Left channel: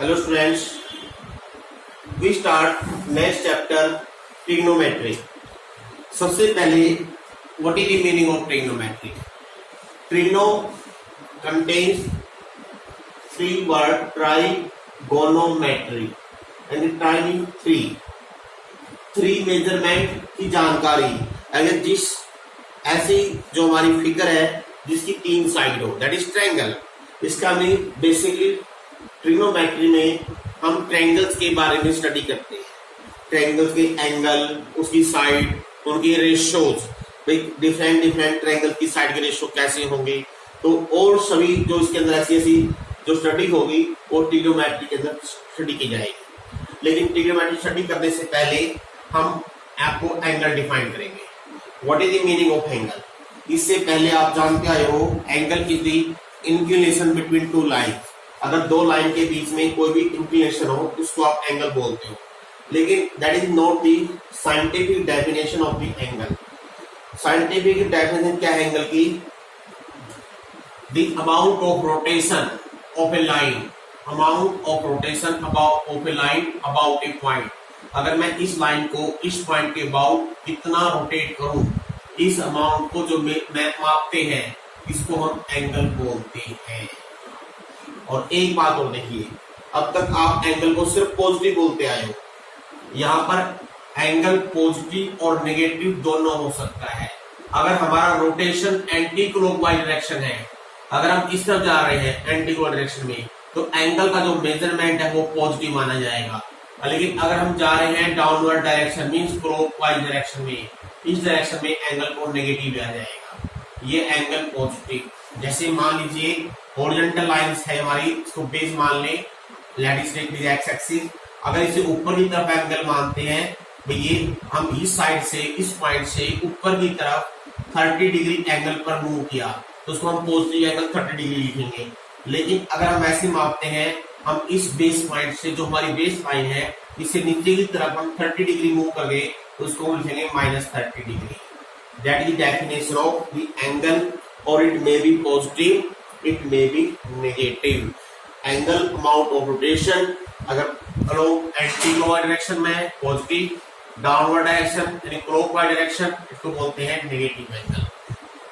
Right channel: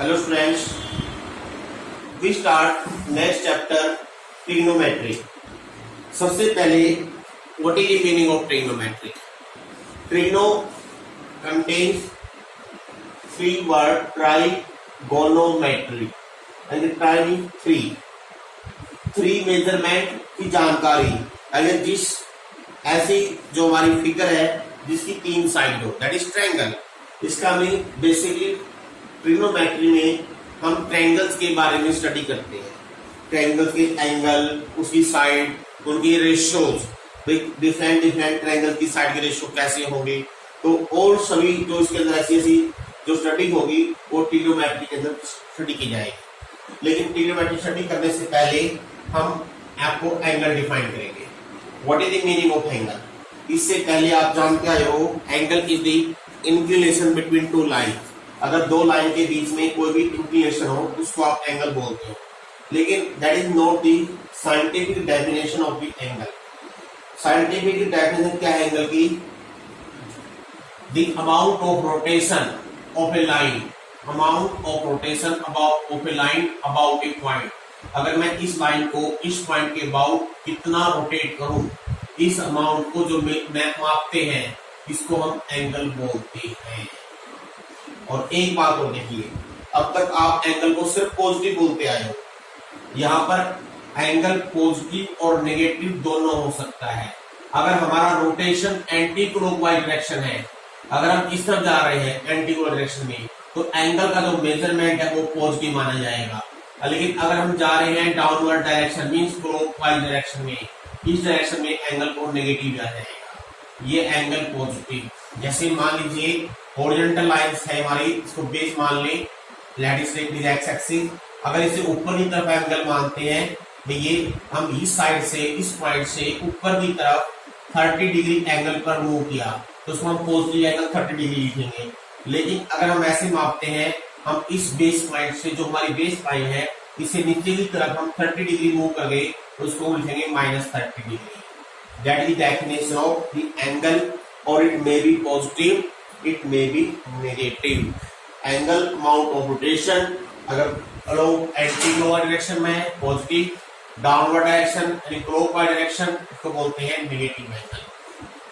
Hello students, we start next chapter trigonometry. सबसे पहले what is the meaning of trigonometry? Trigono contains three word trigonometry and the tri means three measurement की जानकारी। अगर जिस ऐसी जो हमारी फिगर है जिसकी तीन साइड हो दैट इज ट्रायंगल, इसका मीन बेसिकली ट्रिग्नोमेट्री में हम ट्रायंगल्स के बारे में स्टडी करते हैं। ट्रायंगल्स के एंगल, उसकी साइड, उनकी रेशियोज, डिफरेंट ट्रायंगल की साइड के रेशियो कैसे होंगे, तो और सभी जो इसके अंदर ऐसी ऐसी जो स्टडी होगी वो ट्रिग्नोमेट्री के अंदर स्टडी की जाएगी। लेकिन ट्रिग्नोमेट्री स्टडी करने से पहले हम आपको एंगल डिफाइन करेंगे। What is the meaning of angle? इससे पहले आप जानते आए हो angle is the inclination between two line. अगर दो लाइन के बीच में कोई भी इंक्लिनेशन हो उसको आप एंगल बोलते हो, लेकिन that is not the scientific definition of the angle. Scientific definition क्या है एंगल की? The amount of rotation of A line, amount of rotation of A line about A point. अगर मैं इस लाइन को इस पॉइंट के अबाउट कितना रोटेट करूं, इस अमाउंट को जो मैं मापते हैं इसको हम एंगल बोलते हैं। और एक बात और देखिए, अब तक आप एंगल को सिर्फ पॉजिटिव बोलते आए हो। यहां पर एंगल पॉजिटिव और नेगेटिव दोनों हो सकता है। अगर हमारा रोटेशन एंटी क्लॉकवाइज डायरेक्शन है, अगर हम इस तरफ जा रहे हैं एंटी क्लॉकवाइज डायरेक्शन में, तो एंगल का जो मेजरमेंट है वो पॉजिटिव माना जाएगा। लेकिन अगर हम जा रहे हैं downward direction means clockwise direction में, इस डायरेक्शन में एंगल को नेगेटिव आ जाएगा। ये एंगल पॉजिटिव, जैसे मान लीजिए हॉरिजॉन्टल लाइंस है हमारी, इसको बेस मान लें, लैटिस एक्स एक्सिस। अगर इसे ऊपर की तरफ एंगल मानते हैं, ये हम इस साइड से इस पॉइंट से ऊपर की तरफ 30 डिग्री एंगल पर मूव किया तो उसको हम पॉजिटिव एंगल 30 डिग्री लिखेंगे। लेकिन अगर हम ऐसे मापते हैं, हम इस बेस पॉइंट से जो हमारी बेस लाइन है इसे नीचे की तरफ हम 30 डिग्री मूव कर गए तो उसको हम लिखेंगे -30 degree. That is the definition of the angle, और it may be positive, it may be negative. Angle amount of rotation अगर अलोंग एंटी क्लॉकवाइज डायरेक्शन में है पॉजिटिव, डाउनवर्ड डायरेक्शन यानी क्लॉकवाइज डायरेक्शन इसको बोलते हैं नेगेटिव एंगल।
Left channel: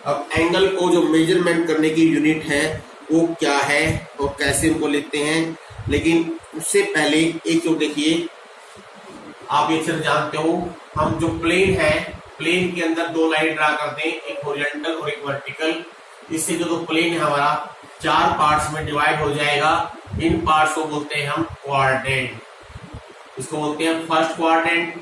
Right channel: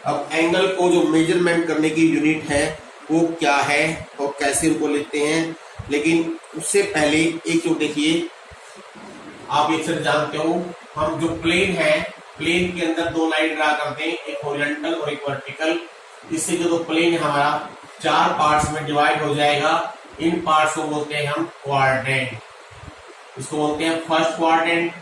अब angle को जो मेजरमेंट करने की यूनिट है वो क्या है और कैसे उनको लिखते हैं, लेकिन उससे पहले एक तो देखिए, आप ये सिर्फ जानते हो हम जो प्लेन है, प्लेन के अंदर दो लाइन ड्रा करते हैं, एक हॉरिजॉन्टल और एक वर्टिकल। इससे जो प्लेन है हमारा 4 पार्ट्स में डिवाइड हो जाएगा। इन पार्ट्स को बोलते हैं हम क्वाड्रेंट। इसको बोलते हैं first quadrant,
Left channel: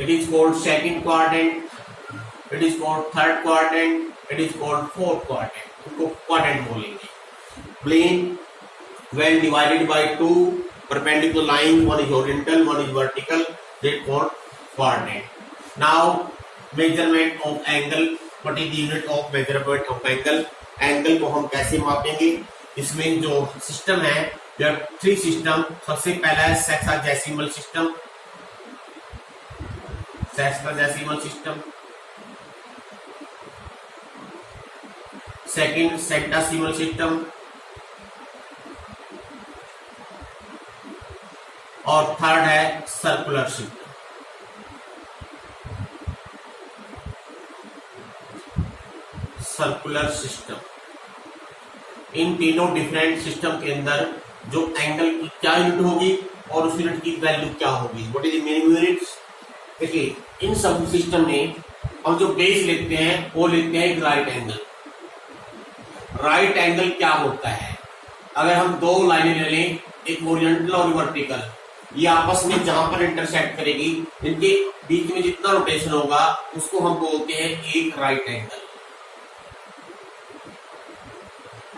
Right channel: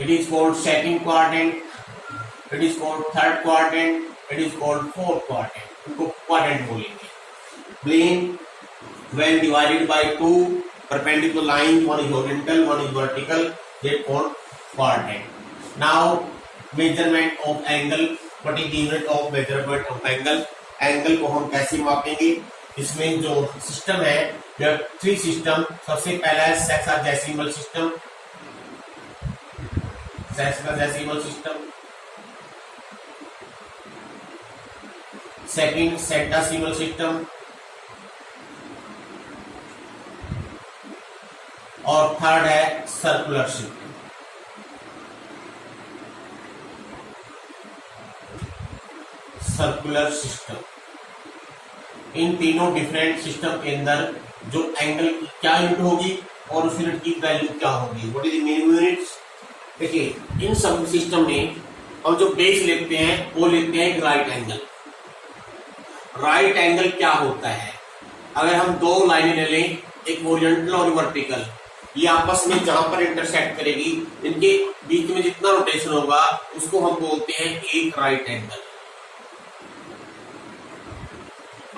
it is called second quadrant, it is called third quadrant, it is called fourth quadrant. इनको क्वाड्रेंट बोलेंगे। Plane when divided by two perpendicular lines, one is horizontal, one is vertical, they called quadrant. Now measurement of angle, what is the unit of measurement of angle? Angle को हम कैसे मापेंगे? इसमें जो system है, there are 3 system. सबसे पहला है sexagesimal system, sexagesimal system. Second centesimal system, और थर्ड है सर्कुलर सिस्टम। Circular system. इन तीनों डिफरेंट सिस्टम के अंदर जो एंगल की क्या यूनिट होगी और उस यूनिट की वैल्यू क्या होगी, what is the meaning units? देखिए, इन सब सिस्टम में हम जो बेस लिखते हैं वो लिखते हैं राइट एंगल। राइट एंगल क्या होता है? अगर हम दो लाइनें ले लें, एक हॉरिजॉन्टल और वर्टिकल, ये आपस में जहां पर इंटरसेक्ट करेगी, इनके बीच में जितना रोटेशन होगा उसको हम बोलते हैं एक राइट एंगल।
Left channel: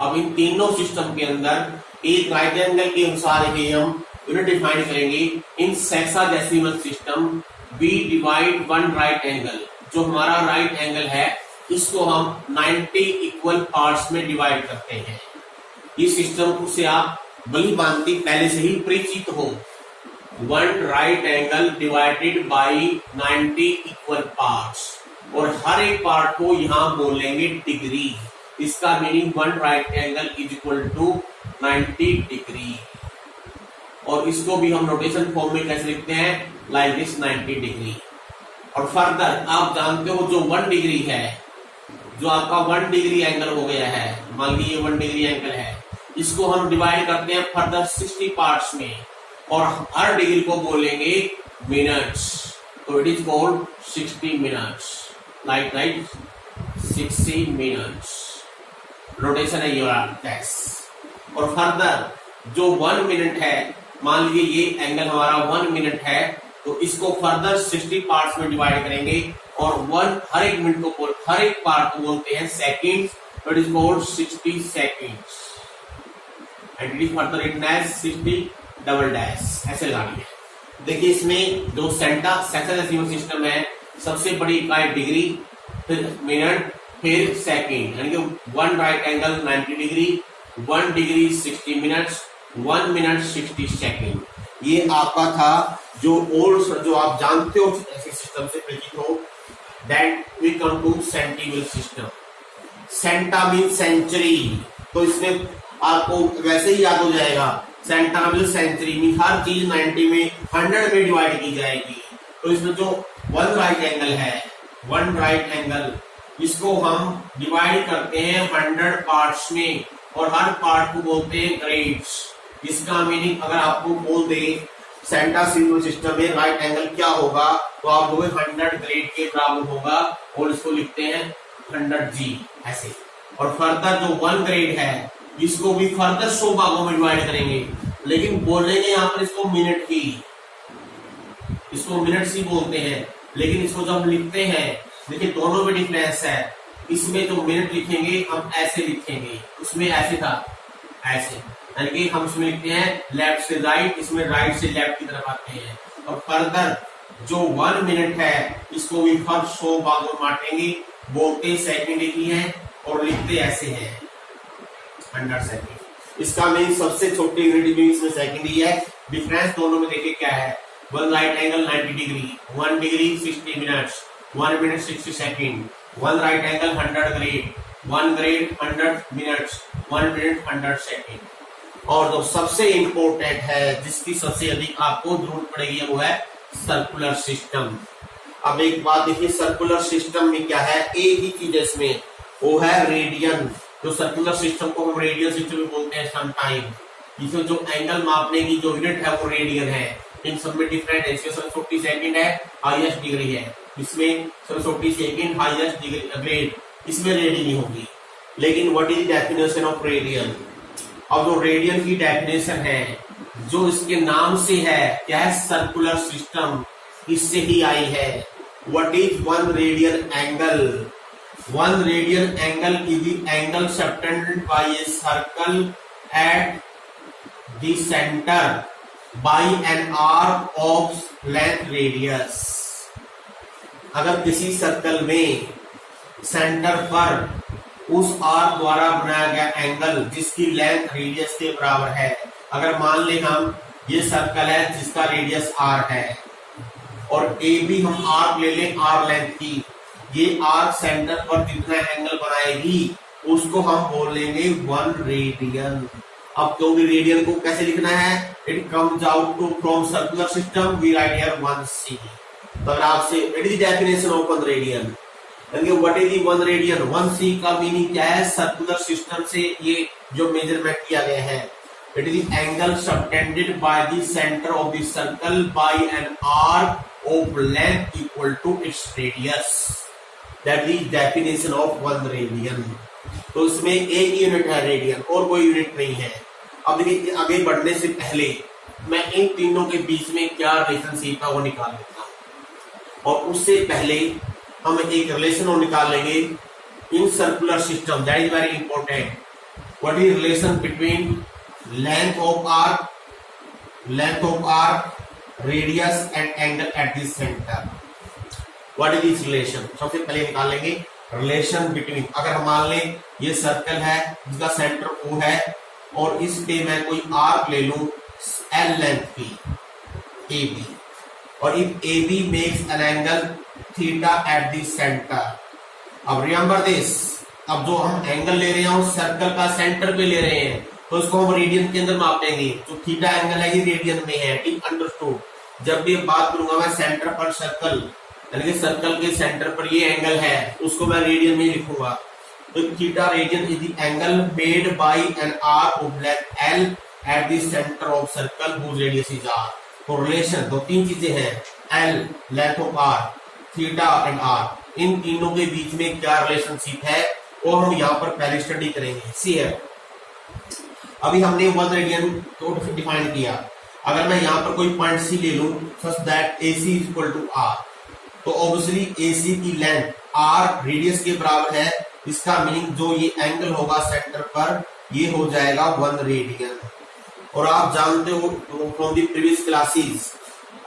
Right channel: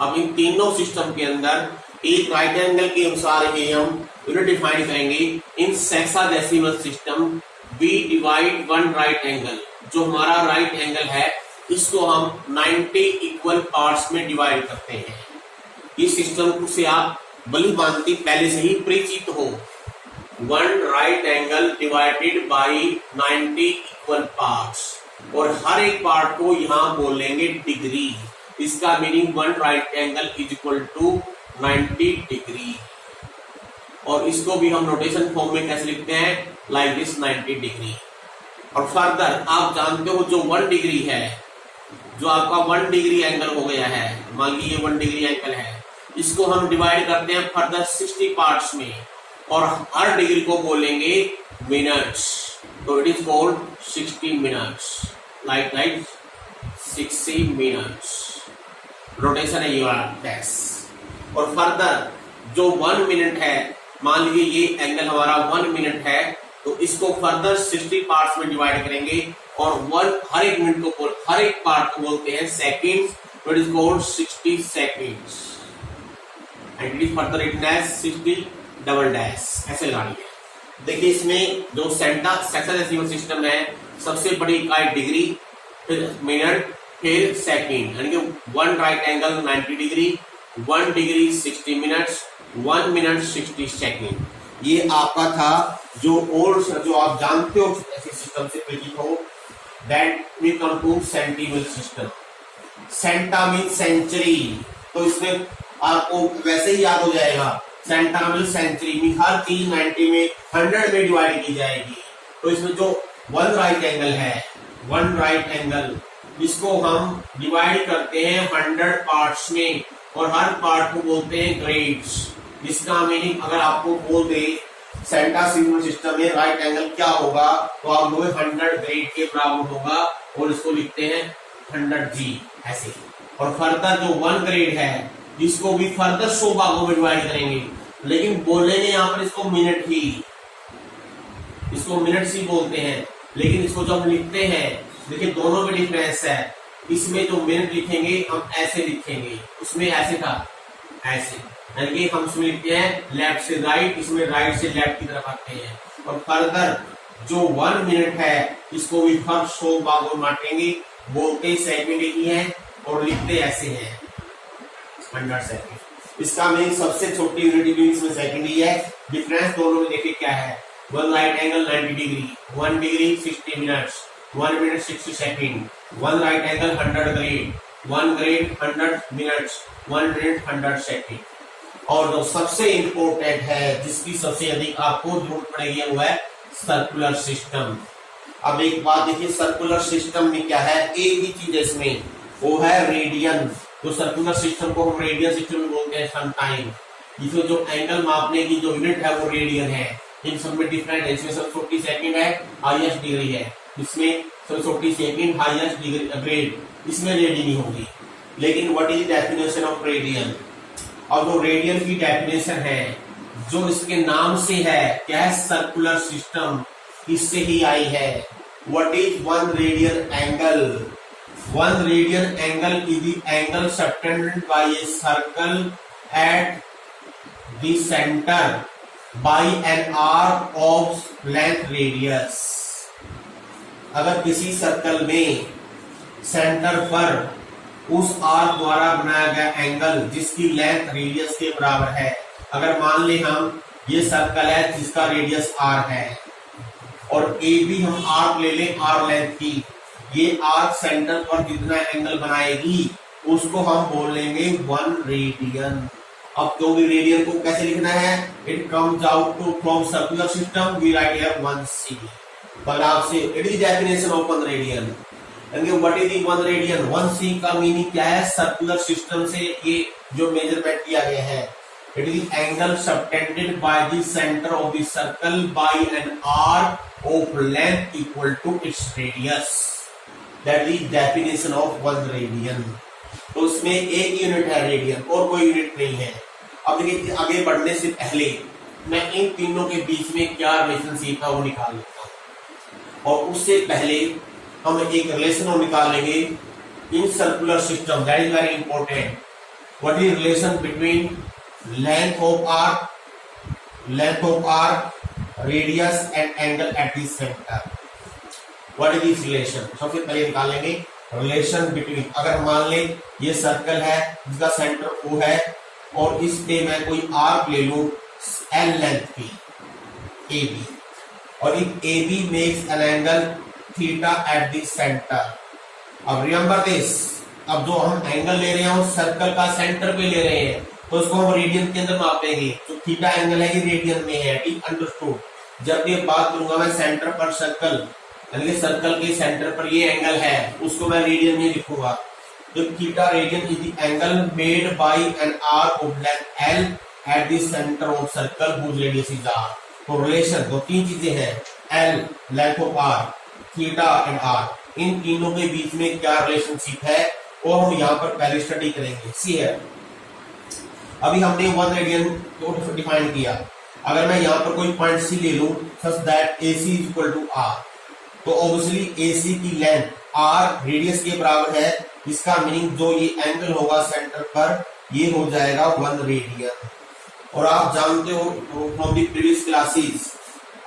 अब इन तीनों सिस्टम के अंदर एक राइट एंगल के अनुसार ही हम यूनिट डिफाइन करेंगे। In sexagesimal system we divide one right angle, जो हमारा राइट एंगल है इसको हम 90 इक्वल पार्ट्स में डिवाइड करते हैं। इस सिस्टम से आप भली भांति पहले से ही परिचित हो। One right angle divided by 90 equal parts, और हर एक पार्ट को यहां बोलेंगे डिग्री। इसका meaning one right angle is equal to 90 degree. और इसको भी हम नोटेशन फॉर्म में कैसे लिखते हैं, लाइक दिस 90 डिग्री। और फर्दर आप जानते हो जो 1 डिग्री है, जो आपका 1 डिग्री एंगल हो गया है, मान लीजिए 1 डिग्री एंगल है, इसको हम डिवाइड करते हैं फर्दर 60 पार्ट्स में और हर डिग्री को बोलेंगे मिनट्स, तो it is called 60 minutes, like 60 minutes. Rotation है योर दैट्स। और फर्दर जो 1 मिनट है, मान लीजिए ये एंगल हमारा 1 मिनट है, तो इसको फर्दर 60 पार्ट्स में डिवाइड करेंगे और हर एक मिनट को हर एक पार्ट को बोलते हैं सेकंड्स, तो it is called 60 seconds and it is further written as 60 double dash, ऐसे लगा लिया। देखिए इसमें जो सेक्शन सिस्टम है, सबसे बड़ी इकाई डिग्री, फिर मिनट, फिर सेकंड, यानी कि 1 right angle 90 degree, 1 degree 60 minutes, 1 minute 60 second. ये आपका था जो आप जानते हो ऐसे सिस्टम से परिचित हो। That we come to centesimal system. Centi mean century, तो इसमें आपको वैसे ही याद हो जाएगा, सेंटा मीन सेंचुरी मीन हर चीज 90 में 100 में डिवाइड की जाएगी। तो इसमें जो 1 राइट एंगल है, 1 राइट एंगल, इसको हम डिवाइड करते हैं 100 पार्ट्स में और हर पार्ट को बोलते हैं ग्रेड्स। इसका मीनिंग अगर आपको बोल दे सेंटासीमल सिस्टम में राइट एंगल क्या होगा, तो आप लोग 100 ग्रेड के बराबर होगा और इसको लिखते हैं 100G ऐसे। और फर्दर जो 1 ग्रेड है, इसको भी फर्दर 100 भागों में डिवाइड करेंगे, लेकिन बोलेंगे यहाँ पर इसको मिनट ही, इसको मिनट्स ही बोलते हैं। लेकिन इसको जब लिखते हैं, देखिए दोनों में डिफरेंस है। इसमें जो मिनट लिखेंगे हम ऐसे लिखेंगे, उसमें ऐसे था ऐसे, यानी कि हम इसमें लिखते हैं लेफ्ट से राइट, इसमें राइट से लेफ्ट की तरफ आते हैं। और फर्दर जो 1 मिनट है, इसको भी फर्स्ट 100 भागों में बांटेंगे, बोलते सेकंड ही है और लिखते ऐसे हैं 100 सेकंड। इसका मीन सबसे छोटी यूनिट भी इसमें सेकंड ही है। डिफरेंस दोनों में देखिए क्या है, 1 right angle 90 degree, 1 degree 60 minutes, 1 minute 60 second, 1 right angle 100 grade, 1 grade 100 minutes, 1 minute 100 second. और जो सबसे इंपॉर्टेंट है, जिसकी सबसे अधिक आपको जरूरत पड़ेगी, वो है सर्कुलर सिस्टम। अब एक बात देखिए, सर्कुलर सिस्टम में क्या है, एक ही चीज इसमें, वो है रेडियन। जो सर्कुलर सिस्टम को हम रेडियन सिस्टम भी बोलते हैं समटाइम। इसमें जो एंगल मापने की जो यूनिट है वो रेडियन है। इन सब में डिफरेंट है। इसमें सब 40 सेकंड है, हाईएस्ट डिग्री है। इसमें सब 40 सेकंड हाईएस्ट डिग्री ग्रेड, इसमें रेडियन नहीं होगी। लेकिन what is the definition of radian? अब जो रेडियन की डेफिनेशन है, जो इसके नाम से है, क्या है, सर्कुलर सिस्टम, इससे ही आई है। What is 1 radian angle? 1 radian angle is the angle subtended by a circle at the centre by an arc of length radius. अगर किसी सर्कल में सेंटर पर उस आर्क द्वारा बनाया गया एंगल जिसकी लेंथ रेडियस के बराबर है, अगर मान ले हम ये सर्कल है जिसका रेडियस r है और ए भी हम आर्क ले लें r लेंथ की, ये आर्क सेंटर पर जितना एंगल बनाएगी उसको हम बोलेंगे 1 रेडियन। अब क्योंकि रेडियन को कैसे लिखना है, it comes out to from circular system, we write here 1c। तो अगर आपसे it is definition of 1 radian, what is 1 radian? 1c का मीनिंग क्या है, सर्कुलर सिस्टम से ये जो मेजरमेंट किया गया है, it is angle subtended by the centre of the circle by an arc of length equal to its radius. That is definition of 1 radian. तो इसमें एक यूनिट है रेडियन और कोई यूनिट नहीं है। अब देखिए आगे बढ़ने से पहले मैं इन तीनों के बीच में क्या रिलेशनशिप है वो निकाल लेता हूं, और उससे पहले हम एक रिलेशन निकाल लेंगे in circular system. That is very important. What is relation between length of arc, radius and angle eight the centre? What is this relation? सबसे पहले निकाल लेंगे रिलेशन बिटवीन, अगर हम मान लें ये सर्कल है जिसका सेंटर O है और इस पे मैं कोई आर्क ले लूं L लेंथ की AB, और if AB makes an angle theta eight the centre. अब रिमेंबर दिस, अब जो हम एंगल ले रहे हैं वो सर्कल का सेंटर पे ले रहे हैं, तो इसको हम रेडियन के अंदर मापेंगे। तो थीटा एंगल है ये रेडियन में है, ठीक अंडरस्टूड। जब भी बात करूंगा मैं सेंटर पर सर्कल, यानी कि सर्कल के सेंटर पर ये एंगल है, उसको मैं रेडियन में लिखूंगा। तो theta radian is the angle made by an arc oblique L at the centre of circle whose radius is R. तो रिलेशन दो तीन चीजें हैं, L length of R, theta and R, इन तीनों के बीच में क्या रिलेशनशिप है वो हम यहाँ पर पहले स्टडी करेंगे। सी है, अभी हमने 1 रेडियन को डिफाइन किया। अगर मैं यहाँ पर कोई पॉइंट सी ले लूं such that AC is equal to R, तो ऑब्वियसली AC की लेंथ आर रेडियस के बराबर है। इसका मीनिंग जो ये एंगल होगा सेंटर पर ये हो जाएगा 1 रेडियन। और आप जानते हो फ्रॉम दी प्रीवियस क्लासेस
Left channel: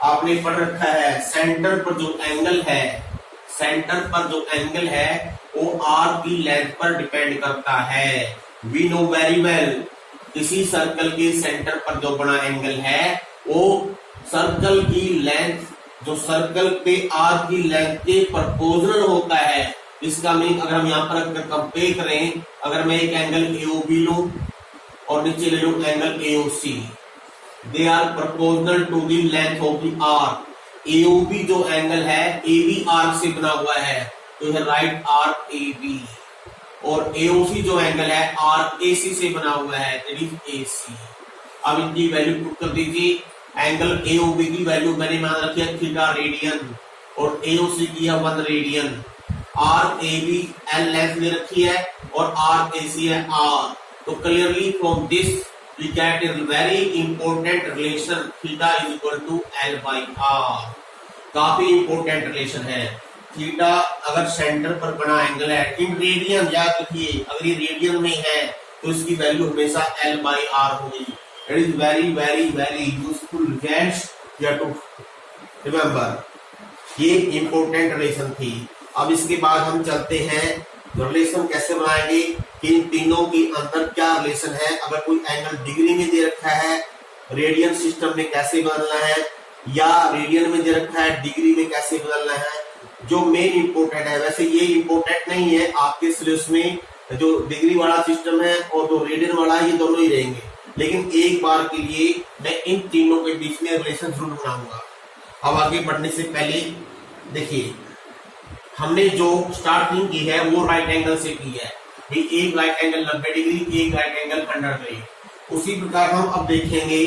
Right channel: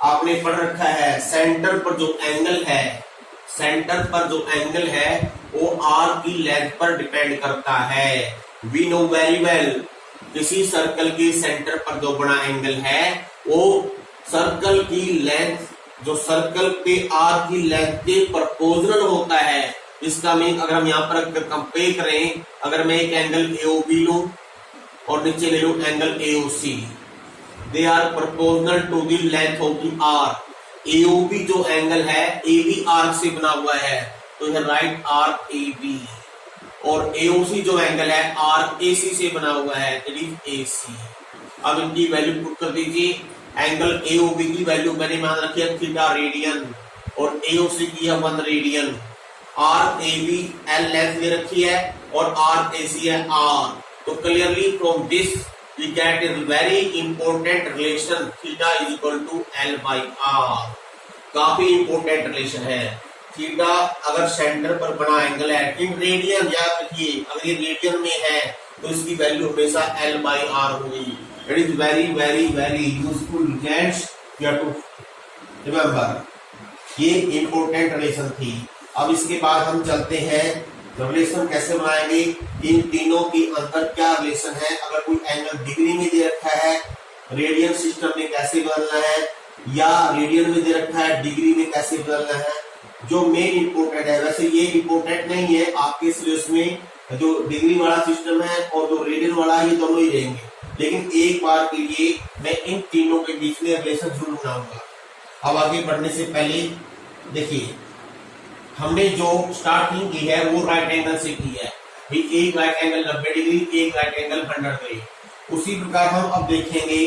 आपने पढ़ रखा है सेंटर पर जो एंगल है, सेंटर पर जो एंगल है वो आर की लेंथ पर डिपेंड करता है। वी नो वेरी वेल किसी सर्कल के सेंटर पर जो बड़ा एंगल है वो सर्कल की लेंथ, जो सर्कल पे आर की लेंथ के प्रोपोर्शनल होता है। इसका मीनिंग अगर हम यहाँ पर कंपेयर करें, अगर मैं एक एंगल AOB लूं और नीचे ले लूं angle AOC, they are proportional to the length of the arc. AOB जो एंगल है AB आर्क से बना हुआ है, तो यह राइट आर्क AB, और AOC जो एंगल है आर्क AC से बना हुआ है, दैट इज AC। अब इनकी वैल्यू पुट कर दीजिए। एंगल AOB की वैल्यू मैंने मान रखी है थीटा रेडियन और AOC की है 1 रेडियन। आर्क AB L लेंथ दे रखी है और आर्क AC है R। तो clearly from this we get a very important relation theta is equal to L by R। काफी इंपॉर्टेंट रिलेशन है। थीटा अगर सेंटर पर बना एंगल है इन रेडियन, याद रखिए अगर ये रेडियन में है तो इसकी वैल्यू हमेशा L by R होगी। It is very very very useful gets you have to remember. ये इंपॉर्टेंट रिलेशन थी। अब इसके बाद हम चलते हैं रिलेशन कैसे बनाएंगे, इन तीनों के अंदर क्या रिलेशन है। अगर कोई एंगल डिग्री में दे रखा है रेडियन सिस्टम में कैसे बदलना है, या रेडियन में दे रखा है डिग्री में कैसे बदलना है, जो मेन इंपॉर्टेंट है। वैसे ये इंपॉर्टेंट नहीं है आपके सिलेबस में, जो डिग्री वाला सिस्टम है और जो रेडियन वाला है ये दोनों ही रहेंगे, लेकिन एक बार के लिए मैं इन तीनों के बीच में रिलेशन जरूर बनाऊंगा। अब आगे बढ़ने से पहले देखिए हमने जो स्टार्टिंग की है वो राइट एंगल से की है, एक राइट एंगल 90 डिग्री, एक राइट एंगल 100 डिग्री। उसी प्रकार हम अब देखेंगे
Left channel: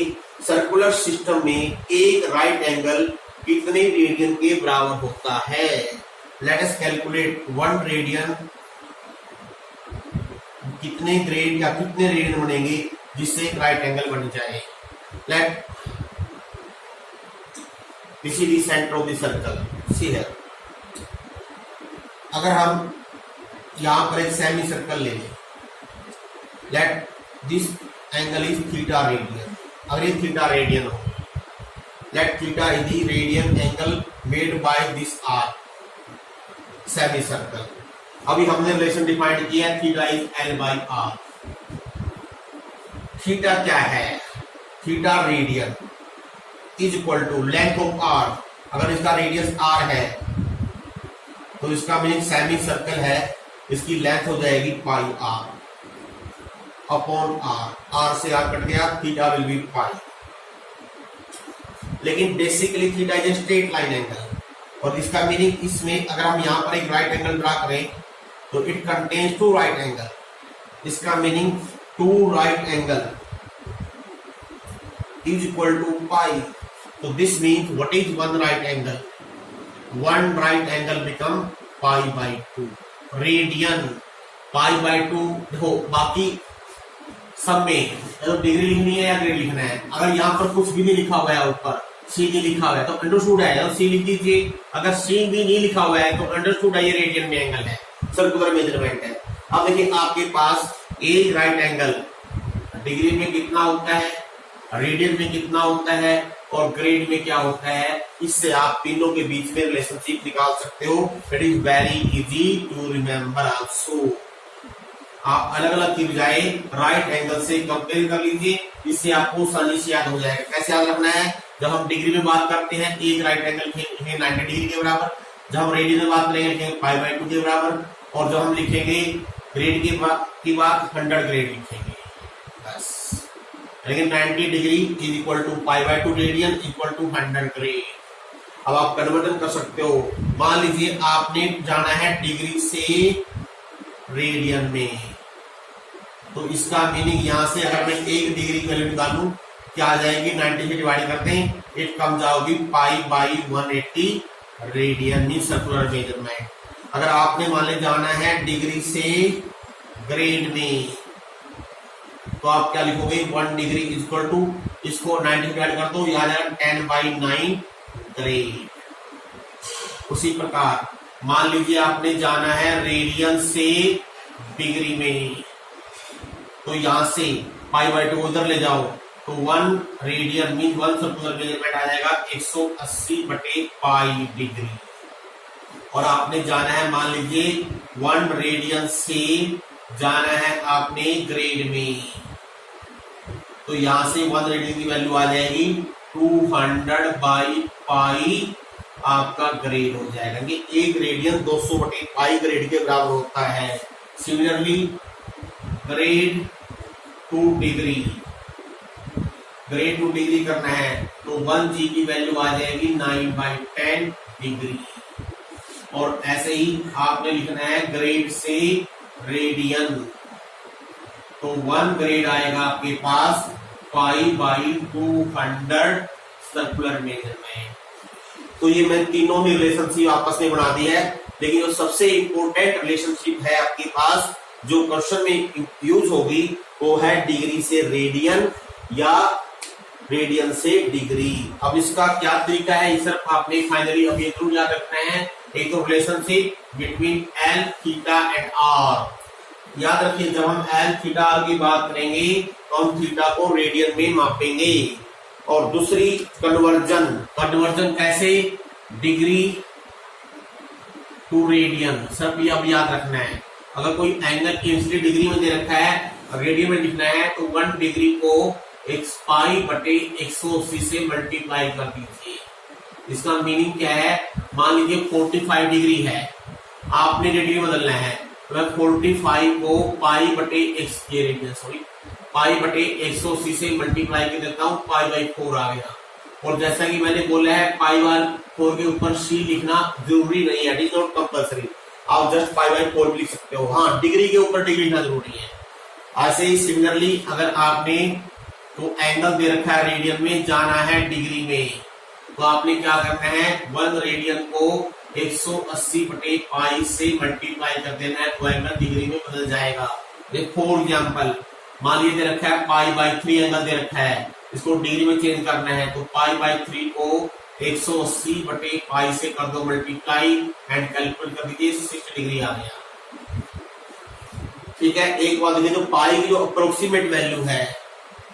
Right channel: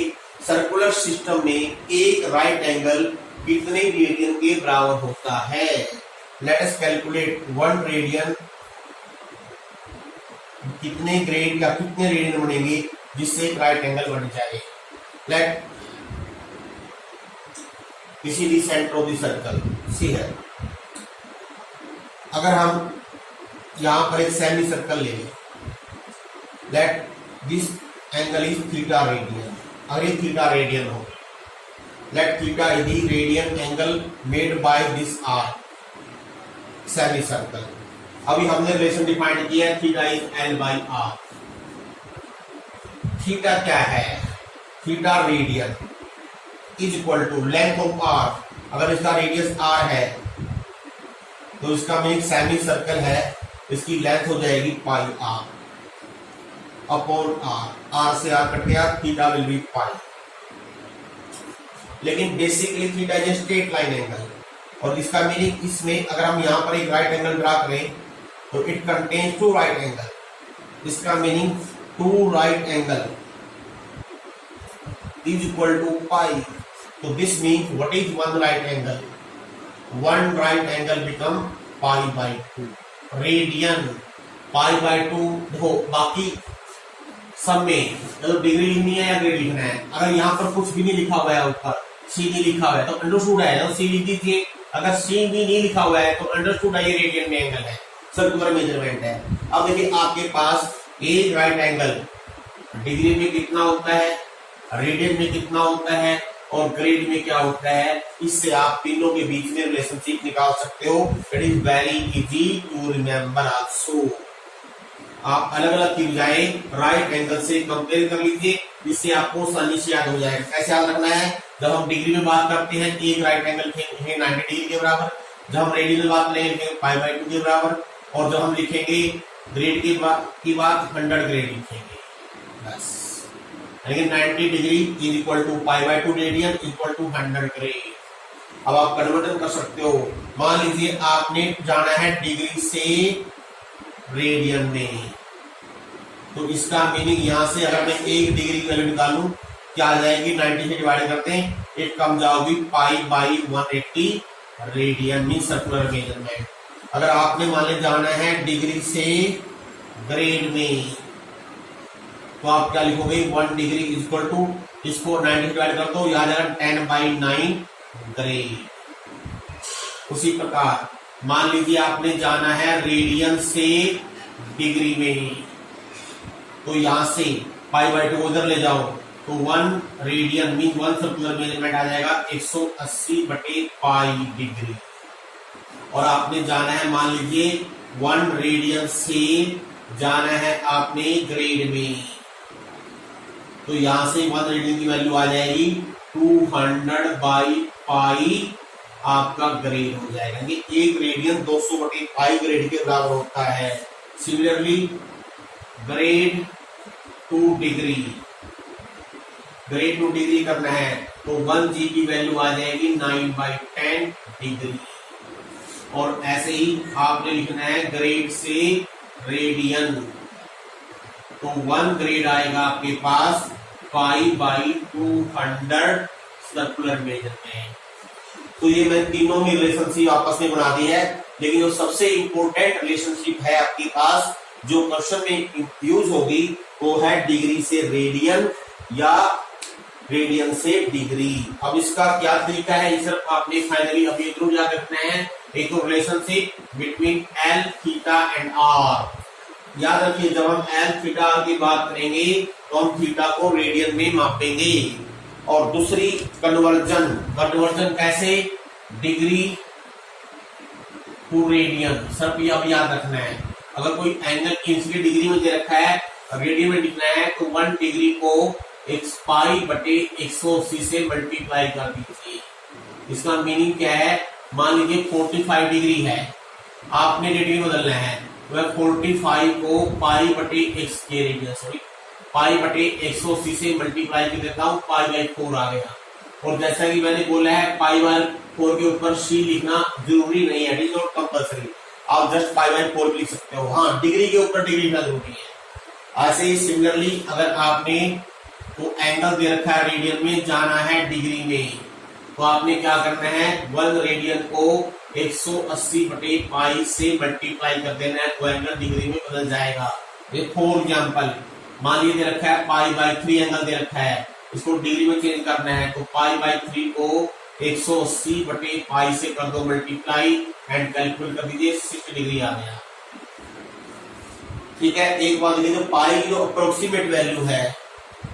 सर्कुलर सिस्टम में एक राइट एंगल कितने रेडियन के बराबर होता है। लेट अस कैलकुलेट 1 रेडियन कितने ग्रेड या कितने रेडियन बनेंगे जिससे एक राइट एंगल बन जाए। लेट इसी सेंटर ऑफ द सर्कल सी है। अगर हम यहां पर एक सेमी सर्कल ले लें, let this angle is theta radian. अगर ये थीटा रेडियन हो, let theta is the radian angle made by this arc semi circle. अभी हमने रिलेशन डिफाइन किया है theta is L by R। Theta क्या है, theta radian is equal to length of R। अगर इसका रेडियस R है तो इसका मीनिंग सेमी सर्कल है, इसकी लेंथ हो जाएगी पाई R अपॉन R। R से R कट गया, थीटा विल बी पाई। लेकिन basically theta is straight line angle, और इसका मीनिंग इसमें अगर हम यहां पर एक राइट एंगल ड्रा करें तो इट कंटेन्स 2 राइट एंगल। इसका meaning 2 right angle is equal to pi. तो this means what is 1 right angle, 1 right angle become pi by 2 radian. Pi by 2 देखो बाकी सब में तो डिग्री लिखनी है या ग्रेड लिखना है। अगर यहाँ पर कुछ भी नहीं लिखा हुआ है, ऊपर सी नहीं लिखा हुआ है तो अंडरस्टूड है, सी लिख दीजिए। अगर सी भी नहीं लिखा हुआ है तो अंडरस्टूड है ये रेडियन में एंगल है, सर्कुलर मेजरमेंट है। अब देखिए आपके पास एक राइट एंगल डिग्री में कितना होता है, रेडियन में कितना होता है और ग्रेड में क्या होता है, इससे आप तीनों के बीच में रिलेशनशिप निकाल सकते हो। It is very easy to remember also. आप अलग अलग की बजाय राइट एंगल से कंपेयर कर लीजिए, इससे आपको आसानी से याद हो जाएगा। कैसे याद रखना है, जब हम डिग्री में बात करते हैं एक राइट एंगल लिखेंगे 90 डिग्री के बराबर, जब हम रेडियन में बात करेंगे लिखेंगे पाई बाई 2 के बराबर, और जब हम लिखेंगे ग्रेड की बात 100 ग्रेड लिखेंगे बस। लेकिन 90 degree is equal to π/2 radian equal to 100 grade. अब आप कन्वर्जन कर सकते हो। मान लीजिए आपने जाना है डिग्री से रेडियन में, तो इसका मीनिंग यहां से अगर मैं 1 डिग्री की वैल्यू निकालूं क्या आ जाएगी, 90 से डिवाइड करते हैं, एक कम जाओगी π/180 रेडियन मीन सर्कुलर मेजरमेंट। अगर आपने मान ली जाना है डिग्री से ग्रेड में, तो आप क्या लिखोगे, 1 डिग्री इक्वल टू, इसको 90 से डिवाइड कर दो, याद है 10/9 ग्रेड। उसी प्रकार मान लीजिए आपने जाना है रेडियन से डिग्री में, तो यहां से π/2 को उधर ले जाओ, तो 1 रेडियन मीन 1 सर्कुलर मेजरमेंट आ जाएगा 180/π डिग्री। और आपने जाना है मान लीजिए 1 रेडियन से जाना है आपने ग्रेड में, तो यहां से 1 रेडियन की वैल्यू आ जाएगी 200/π आपका ग्रेड हो जाएगा। ये 1 रेडियन 200/π ग्रेड के बराबर होता है। Similarly grade 2 degree, grade 2 degree करना है तो 1 जी की वैल्यू आ जाएगी 9/10 डिग्री। और ऐसे ही आपने लिखना है ग्रेड से रेडियन, तो 1 ग्रेड आएगा आपके पास π/200 सर्कुलर मेजरमेंट। तो ये मैं तीनों ने रिलेशनशिप आपस में बना दी है, लेकिन जो सबसे इंपॉर्टेंट रिलेशनशिप है आपके पास जो क्वेश्चन में यूज होगी वो है डिग्री से रेडियन या रेडियन से डिग्री। अब इसका क्या तरीका है, सिर्फ आपने फाइनली अब ये जरूर याद रखना है, एक तो relationship between L theta and R. याद रखिए जब हम एल थीटा आर की बात करेंगे तो हम थीटा को रेडियन में मापेंगे। और दूसरी कन्वर्जन, कन्वर्जन कैसे, डिग्री टू रेडियन। सब ये अब याद रखना है, अगर कोई एंगल की डिग्री में दे रखा है, रेडियन में लिखना है, तो 1 डिग्री को π/180 से मल्टीप्लाई कर दीजिए। इसका मीनिंग क्या है, मान लीजिए 45 डिग्री है, आपने रेडियन बदलना है, तो मैं 45 को π/180 से मल्टीप्लाई कर देता हूँ, π/4 आ गया। और जैसा कि मैंने बोला है π/4 के ऊपर c लिखना जरूरी नहीं है, इट इज नॉट कंपल्सरी, आप जस्ट π/4 भी लिख सकते हो। हाँ, डिग्री के ऊपर डिग्री लिखना जरूरी है। ऐसे ही सिमिलरली अगर आपने तो एंगल दे रखा है रेडियन में, जाना है डिग्री में, तो आपने क्या करना है, 1 रेडियन को 180/π से मल्टीप्लाई कर देना है, तो एंगल डिग्री में बदल जाएगा। फॉर एग्जाम्पल मान लीजिए दे रखा है π/3 एंगल दे रखा है, इसको डिग्री में चेंज करना है, तो π/3 को 180/π से कर दो मल्टीप्लाई एंड कैलकुलेट कर दीजिए, 60 डिग्री आ गया। ठीक है, एक बात देखिए, जो पाई की जो अप्रोक्सीमेट वैल्यू है,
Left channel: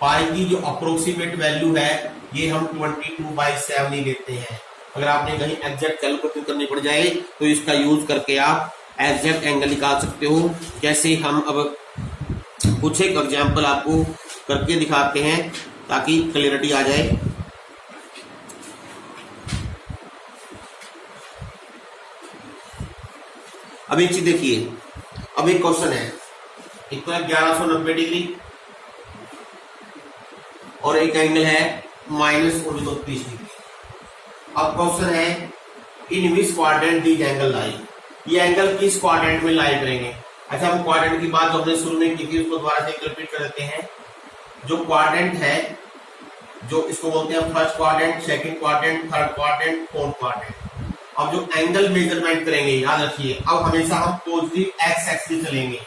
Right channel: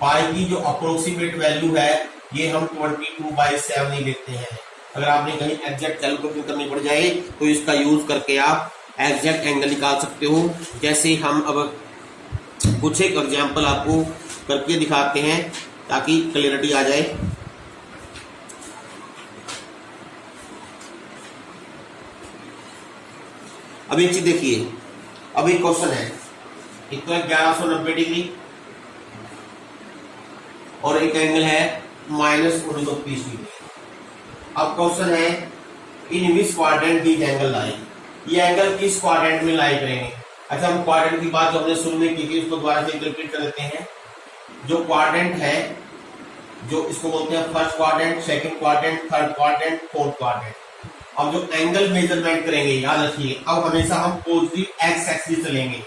पाई की जो अप्रोक्सीमेट वैल्यू है ये हम 22/7 ही लेते हैं। अगर आपने कहीं एग्जैक्ट कैलकुलेशन करनी पड़ जाए तो इसका यूज करके आप एग्जैक्ट एंगल निकाल सकते हो। जैसे हम अब कुछ एक एग्जाम्पल आपको करके दिखाते हैं ताकि क्लियरिटी आ जाए। अब एक चीज देखिए, अब एक क्वेश्चन है, इतना 1190 डिग्री और एक एंगल है -29 डिग्री। अब क्वेश्चन है इन विच क्वाड्रेंट दिस एंगल लाई, ये एंगल किस क्वाड्रेंट में लाई करेंगे। अच्छा, हम क्वाड्रेंट की बात जो हमने शुरू में की थी उसको दोबारा से रिपीट कर देते हैं। जो क्वाड्रेंट है, जो इसको बोलते हैं first quadrant, second quadrant, third quadrant, fourth quadrant. अब जो एंगल मेजरमेंट करेंगे, याद रखिए, अब हमेशा हम पॉजिटिव एक्स एक्सिस चलेंगे।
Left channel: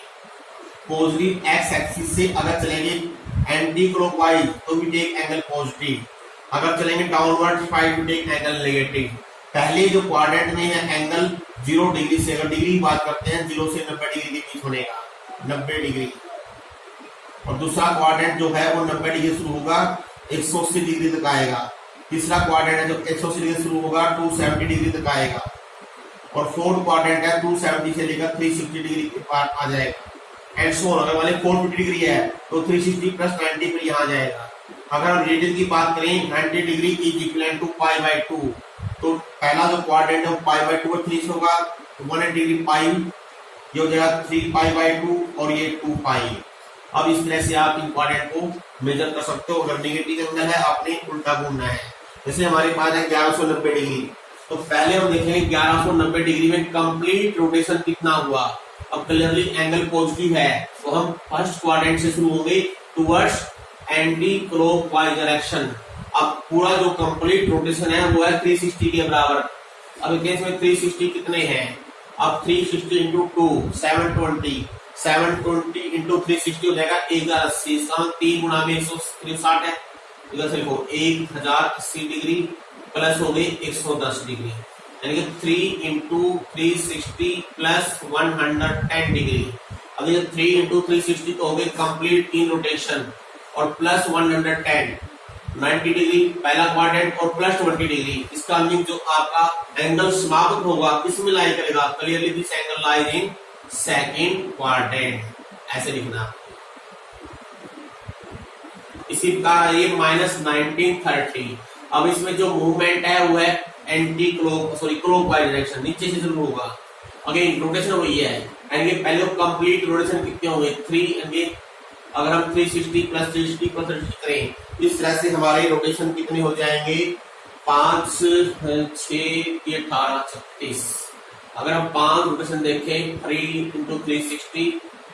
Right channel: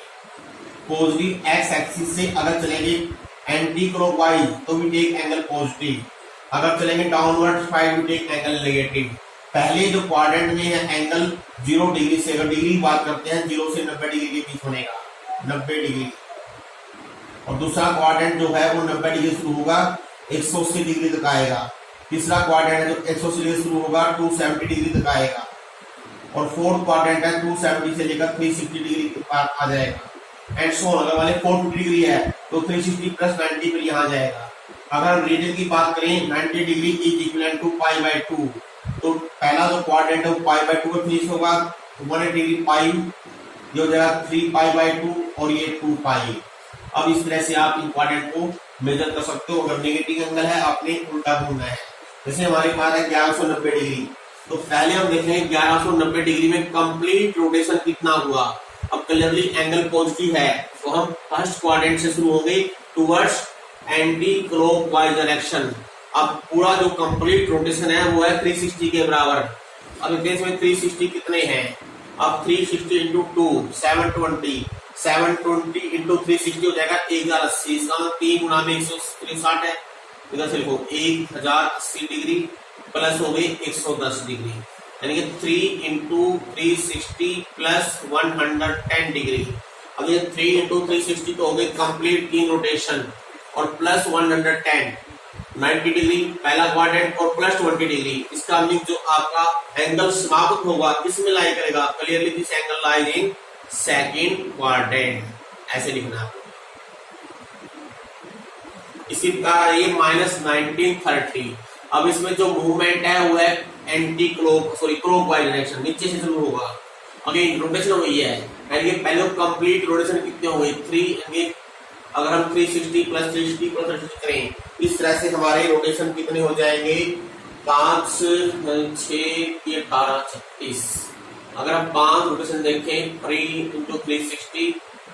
पॉजिटिव एक्स एक्सिस से अगर चलेंगे एंटी क्लॉकवाइज तो भी टेक एंगल पॉजिटिव, अगर चलेंगे डाउनवर्ड साइड भी टेक एंगल नेगेटिव। पहले जो क्वाड्रेंट में है एंगल 0 डिग्री से, अगर डिग्री की बात करते हैं 0 से 90 डिग्री के बीच बनेगा, 90 डिग्री। और दूसरा क्वाड्रेंट जो है वो 90 डिग्री शुरू होगा 180 डिग्री तक आएगा। तीसरा क्वाड्रेंट है जो 180 डिग्री शुरू होगा 270 डिग्री तक आएगा। और फोर्थ क्वाड्रेंट है 270 से लेकर 360 डिग्री के पार आ जाएगा। एंड सो अगर वाले 450 डिग्री है तो 360 + 90 पर यहाँ जाएगा। अगर हम रेडियन की बात करें 90 डिग्री इज इक्वल टू π/2, तो पहला जो क्वाड्रेंट है वो π/2 फिनिश होगा, 180 डिग्री पाई ये हो जाएगा 3π/2 और ये 2π। अब इस तरह से आप इन क्वाड्रेंट को मेजर कर सकते हो। अगर नेगेटिव एंगल है आपने उल्टा घूमना है। जैसे हमारे पास है 1190 डिग्री, तो पहले हम देखेंगे 1190 डिग्री में कंप्लीट रोटेशन कितना हुआ। अब क्लियरली एंगल पॉजिटिव है तो हम फर्स्ट क्वाड्रेंट से शुरू होंगे टुवर्ड्स एंटी क्लॉकवाइज डायरेक्शन। अब पूरा जो कंप्लीट रोटेशन है वो है 360 के बराबर। अब केस में 360 कितने हैं, अब 360 इंटू 2 720, 720 इंटू 360 हो जाएगा 1080। इसका 3 गुणा में 160 है, इधर से लिखो 1080 डिग्री प्लस हो गई 110 डिग्री, यानी कि 3 इंटू 360 प्लस 110 डिग्री। अब ये 3 इंटू 360 तो हो गई कंप्लीट इन रोटेशन और प्लस 110 90 डिग्री पहला क्वाड्रेंट और प्लस 20 डिग्री। इसका मीन जो आपका एंगल समाप्त होगा किसमें लाई करेगा, clearly this angle lies in second quadrant, ऐसे लिखना। इसी का ये -1930। अब इसमें जो मूवमेंट है वो है एंटी क्लॉकवाइज डायरेक्शन, नीचे से शुरू होगा। अगेन रोटेशन वही है, यानी कि पहले कंप्लीट रोटेशन कितने हो गए 3। अगर हम 360 प्लस 360 प्लस 360 करें इस तरह से हमारे रोटेशन कितने हो जाएंगे 5 6 18 36। अगर हम 5 रोटेशन देखें 3 इंटू 360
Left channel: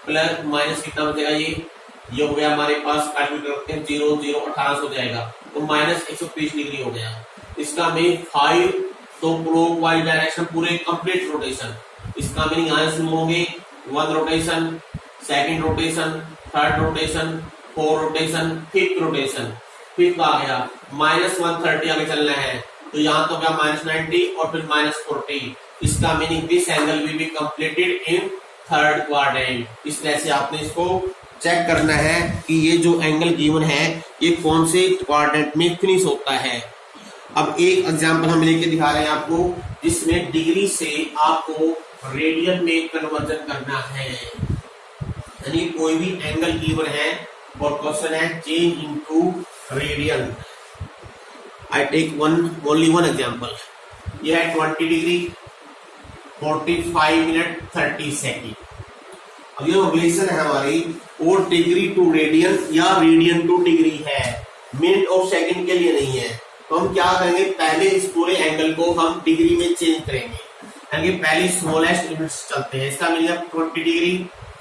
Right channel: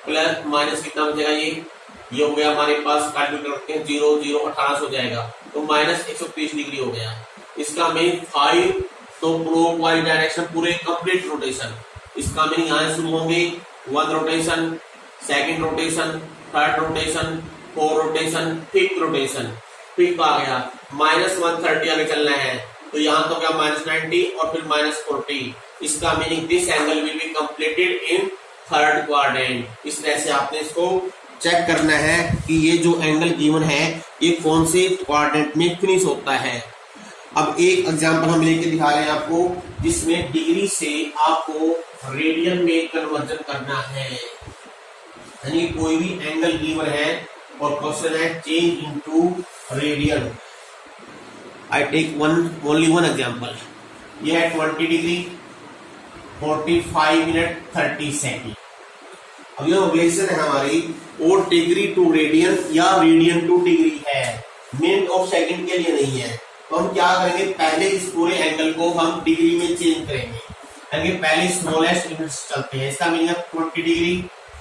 प्लस माइनस कितना बचेगा, ये हो गया हमारे पास कैलकुलेट करते हैं 0 0 18 हो जाएगा तो -130 डिग्री हो गया। इसका मीन 5 तो क्लॉकवाइज डायरेक्शन पूरे कंप्लीट रोटेशन। इसका मीन यहाँ से शुरू होंगे 1 rotation, second rotation, third rotation, 4 rotation, 5th rotation. 5th आ गया -130 आगे चलना है तो यहाँ तो क्या -90 और फिर -40। इसका meaning this angle will be completed in third quadrant. इस तरह से आपने इसको चेक करना है कि ये जो एंगल गिवन है ये कौन से क्वाड्रेंट में फिनिश होता है। अब एक एग्जांपल हम लेके दिखा रहे हैं आपको जिसमें डिग्री से आपको रेडियन में कन्वर्जन करना है। यानी कोई भी एंगल गिवन है और क्वेश्चन है change into radian. I take only one example. यह है 20 डिग्री 45 मिनट 30 सेकेंड। अब ये रिलेशन है हमारी और डिग्री टू रेडियन या रेडियन टू डिग्री है, मिनट और सेकंड के लिए नहीं है। तो हम क्या करेंगे, पहले इस पूरे एंगल को हम डिग्री में चेंज करेंगे, यानी पहले स्मॉलेस्ट यूनिट्स चलते हैं। इसका meaning 20 degree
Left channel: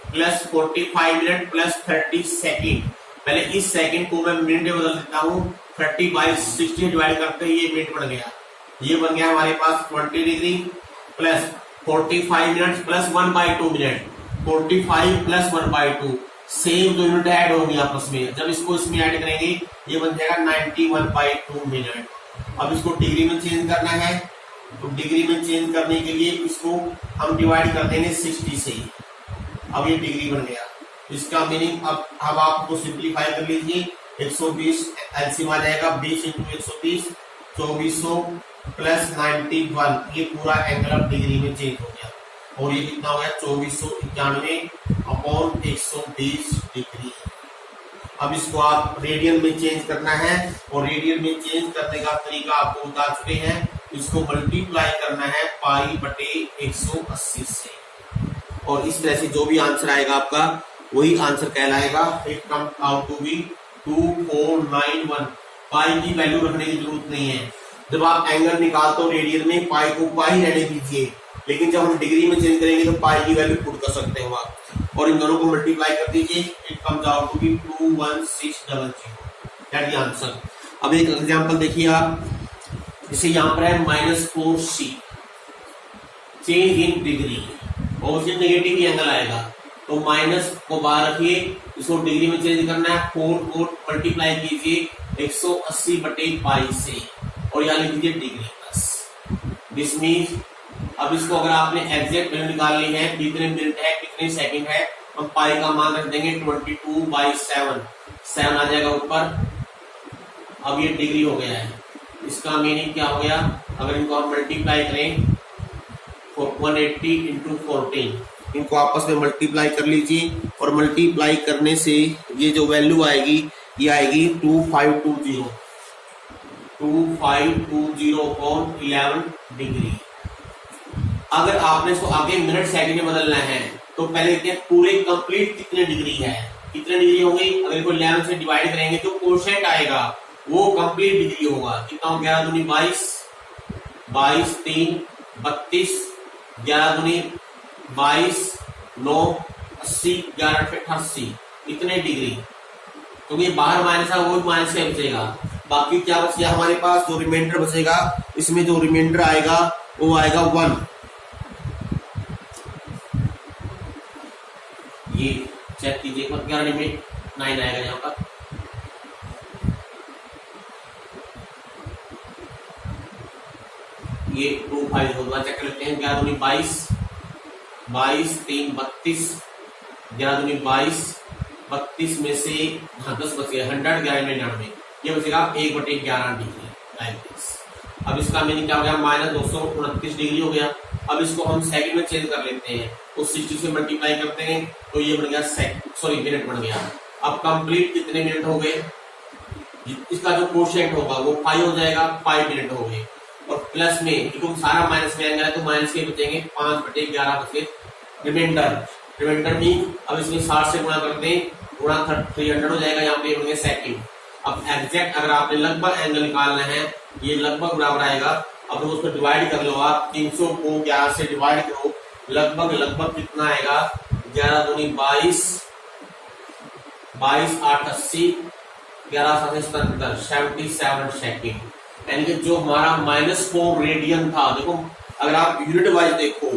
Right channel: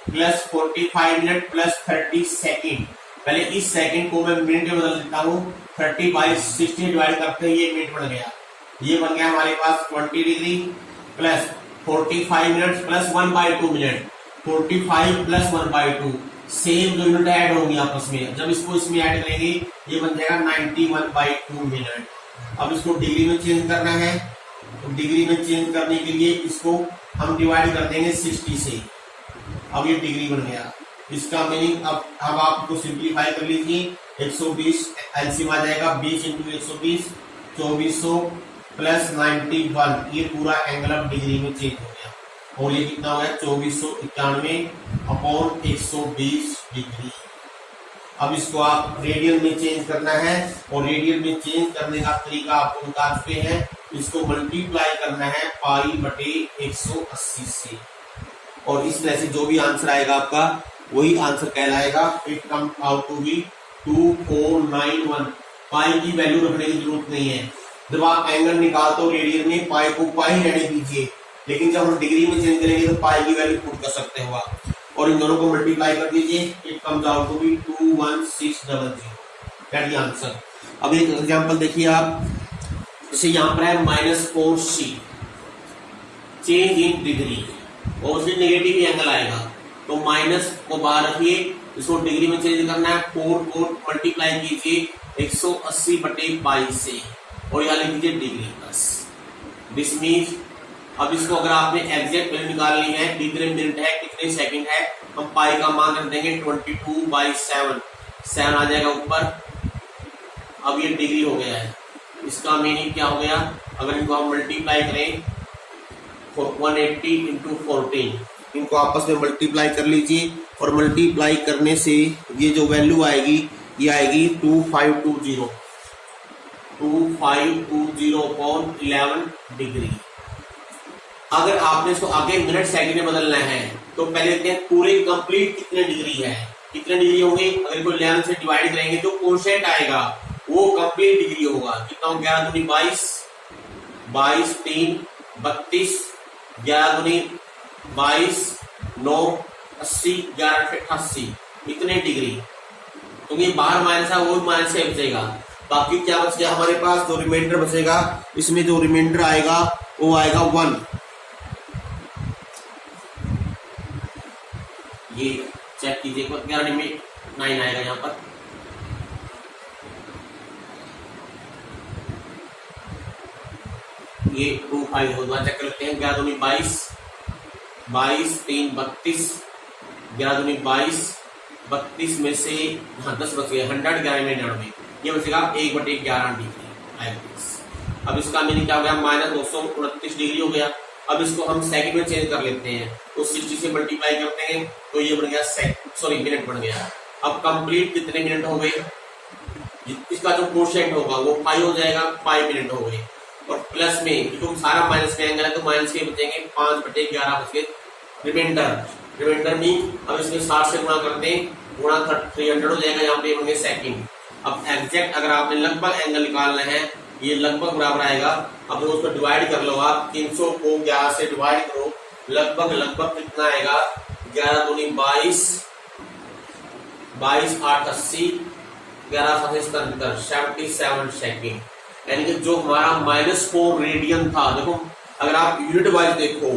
plus 45 minute plus 30 second. पहले इस सेकेंड को मैं मिनट में बदल देता हूँ, 30 बाई 60 डिवाइड करते हैं, ये मिनट बन गया। ये बन गया हमारे पास 20 degree plus 45 minute plus 1/2 minute, 45 plus 1/2 same दो यूनिट ऐड होंगी आपस में। जब इसको इसमें ऐड करेंगे ये बन जाएगा 91/2 मिनट। अब इसको डिग्री में चेंज करना है तो डिग्री में चेंज करने के लिए इसको हम डिवाइड कर देंगे 60 से। अब ये डिग्री बन गया। इसका मीनिंग अब आपको सिंप्लीफाई कर लीजिए, 120 एलसीएम आ जाएगा, 20 इंटू 120 2400 प्लस 91। ये पूरा एंगल अब डिग्री में चेंज हो गया और ये कितना हो गया 2491 अपॉन 120 डिग्री। अब इसको आप रेडियन में चेंज करना है और रेडियन में चेंज करने का तरीका आपको बता चुके हैं। इसको मल्टीप्लाई करना है π/180 से और इस तरह से जो भी आंसर आएगा आपका वही आंसर कहलाएगा। It come out to be 2491। Pi की वैल्यू रखने की जरूरत नहीं है। जब आप एंगल निकालते हो रेडियन में पाई को पाई रहने दीजिए, लेकिन जब हम डिग्री में चेंज करेंगे तो पाई की वैल्यू पुट कर सकते हो आप और इन दोनों को मल्टीप्लाई कर दीजिए। It comes out to be 21600 that the answer. अब एक एग्जांपल देखिए आप, जैसे यहाँ पर है -4c change in degree, obviously negative he angle आएगा तो माइनस को बाहर रखिए, इसको डिग्री में चेंज करना है। 4 मल्टीप्लाई कीजिए 180/π से और यहाँ लिख दीजिए डिग्री प्लस दिस मीन्स। अब इसको अगर आपने एग्जैक्ट वैल्यू निकालनी है कितने मिनट है कितने सेकंड है, हम पाई का मान रख देंगे 22/7, 7 आ जाएगा ऊपर। अब ये डिग्री हो गया है। इसका मीनिंग क्या हो गया, अगर इनको हम मल्टीप्लाई करें 180 इंटू 14, इनको आपस में मल्टीप्लाई कर लीजिए और मल्टीप्लाई करने से ये जो वैल्यू आएगी ये आएगी 2520 अपॉन 11 डिग्री। अगर आपने इसको आगे मिनट सेकंड में बदलना है तो पहले देखते हैं पूरे कंप्लीट कितने डिग्री है, कितने डिग्री होंगे। अगर कोई 11 से डिवाइड करेंगे तो कोशेंट आएगा वो कंप्लीट डिग्री होगा। कितना हो, 11 दूनी 22, 22 3 32, 11 दूनी 22, 9 80, 11 से 88, इतने डिग्री। तो ये बाहर माइनस है वो माइनस का बचेगा। बाकी क्या बच गया हमारे पास, जो रिमाइंडर बचेगा इसमें जो रिमाइंडर आएगा वो आएगा 1। ये चेक कीजिए 11 में 9 आएगा यहाँ पर। ये 2 5 होगा, चेक कर लेते हैं। 11 दूनी 22, 22 3 32, 11 दूनी 22, 32 में से 10 बच गए, 100, 11 में 99, ये बचेगा 1/11 डिग्री। अब इसका मीनिंग क्या हो गया, -229 डिग्री हो गया। अब इसको हम सेकंड में चेंज कर लेते हैं, तो 60 से मल्टीप्लाई करते हैं तो ये बन गया मिनट बन गया। अब कंप्लीट कितने मिनट हो गए, इसका जो कोशेंट होगा वो 5 हो जाएगा, 5 मिनट हो गए। और प्लस में क्योंकि सारा माइनस में आएगा तो माइनस के बचेंगे 5/11 बचे रिमाइंडर में। अब इसमें 60 से गुणा कर दें, गुणा 300 हो जाएगा, यहाँ पे होंगे सेकंड। अब एग्जैक्ट अगर आपने लगभग एंगल निकालना है, ये लगभग बराबर आएगा। अब उसको डिवाइड कर लो आप, 300 को 11 से डिवाइड करो, लगभग कितना आएगा, 11 दूनी 22, 22 8 80, 11 7 77, 77 सेकेंड। यानी कि जो हमारा -4 रेडियन था, देखो अगर आप यूनिट वाइज देखो,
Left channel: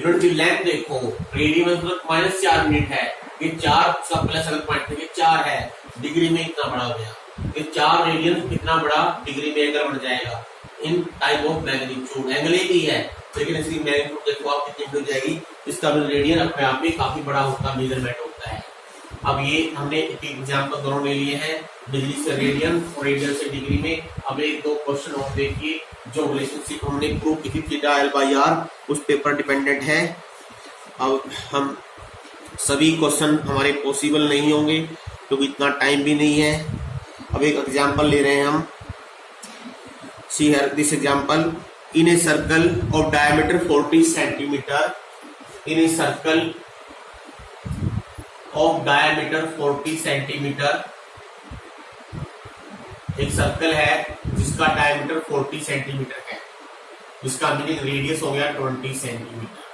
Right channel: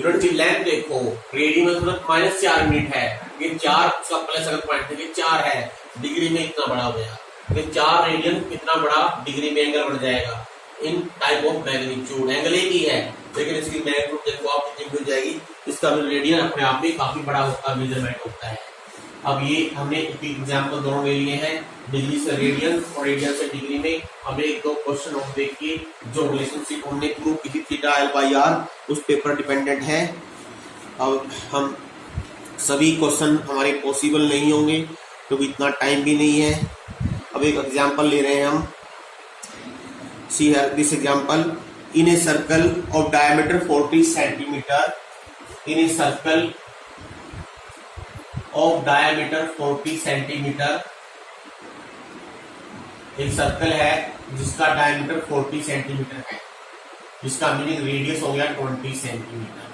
यूनिट की लेंथ देखो, रेडियन में मतलब -4 यूनिट है, ये 4 का प्लस अगर पॉइंट है 4 है, डिग्री में इतना बड़ा हो गया, ये 4 रेडियन कितना बड़ा डिग्री में एंगल बन जाएगा। इन टाइप ऑफ मैग्नीट्यूड एंगल एक ही है, लेकिन इसकी मैग्नीट्यूड देखो आप कितनी हो जाएगी, इसका रेडियन अपने आप में काफी बड़ा होता है, मेजरमेंट होता है। अब ये हमने एक एग्जाम्पल दोनों ले लिए हैं, डिग्री से रेडियन और रेडियन से डिग्री में। अब एक दो क्वेश्चन और देखिए, जो रिलेशनशिप हमने प्रूव की थी थीटा L/R, उस पेपर डिपेंडेंट है। अब हम सभी क्वेश्चन हमारे पॉसिबल नहीं होंगे क्योंकि इतना टाइम भी नहीं है। अब एक एग्जाम्पल ले रहे हैं हम, see here this example, in a circle of diameter 40 centimetre, in a circle of diameter 40 centimetre, एक सर्कल है जिसका डायमीटर 40 सेंटीमीटर है, जिसका मीनिंग रेडियस हो गया 20 centimetre.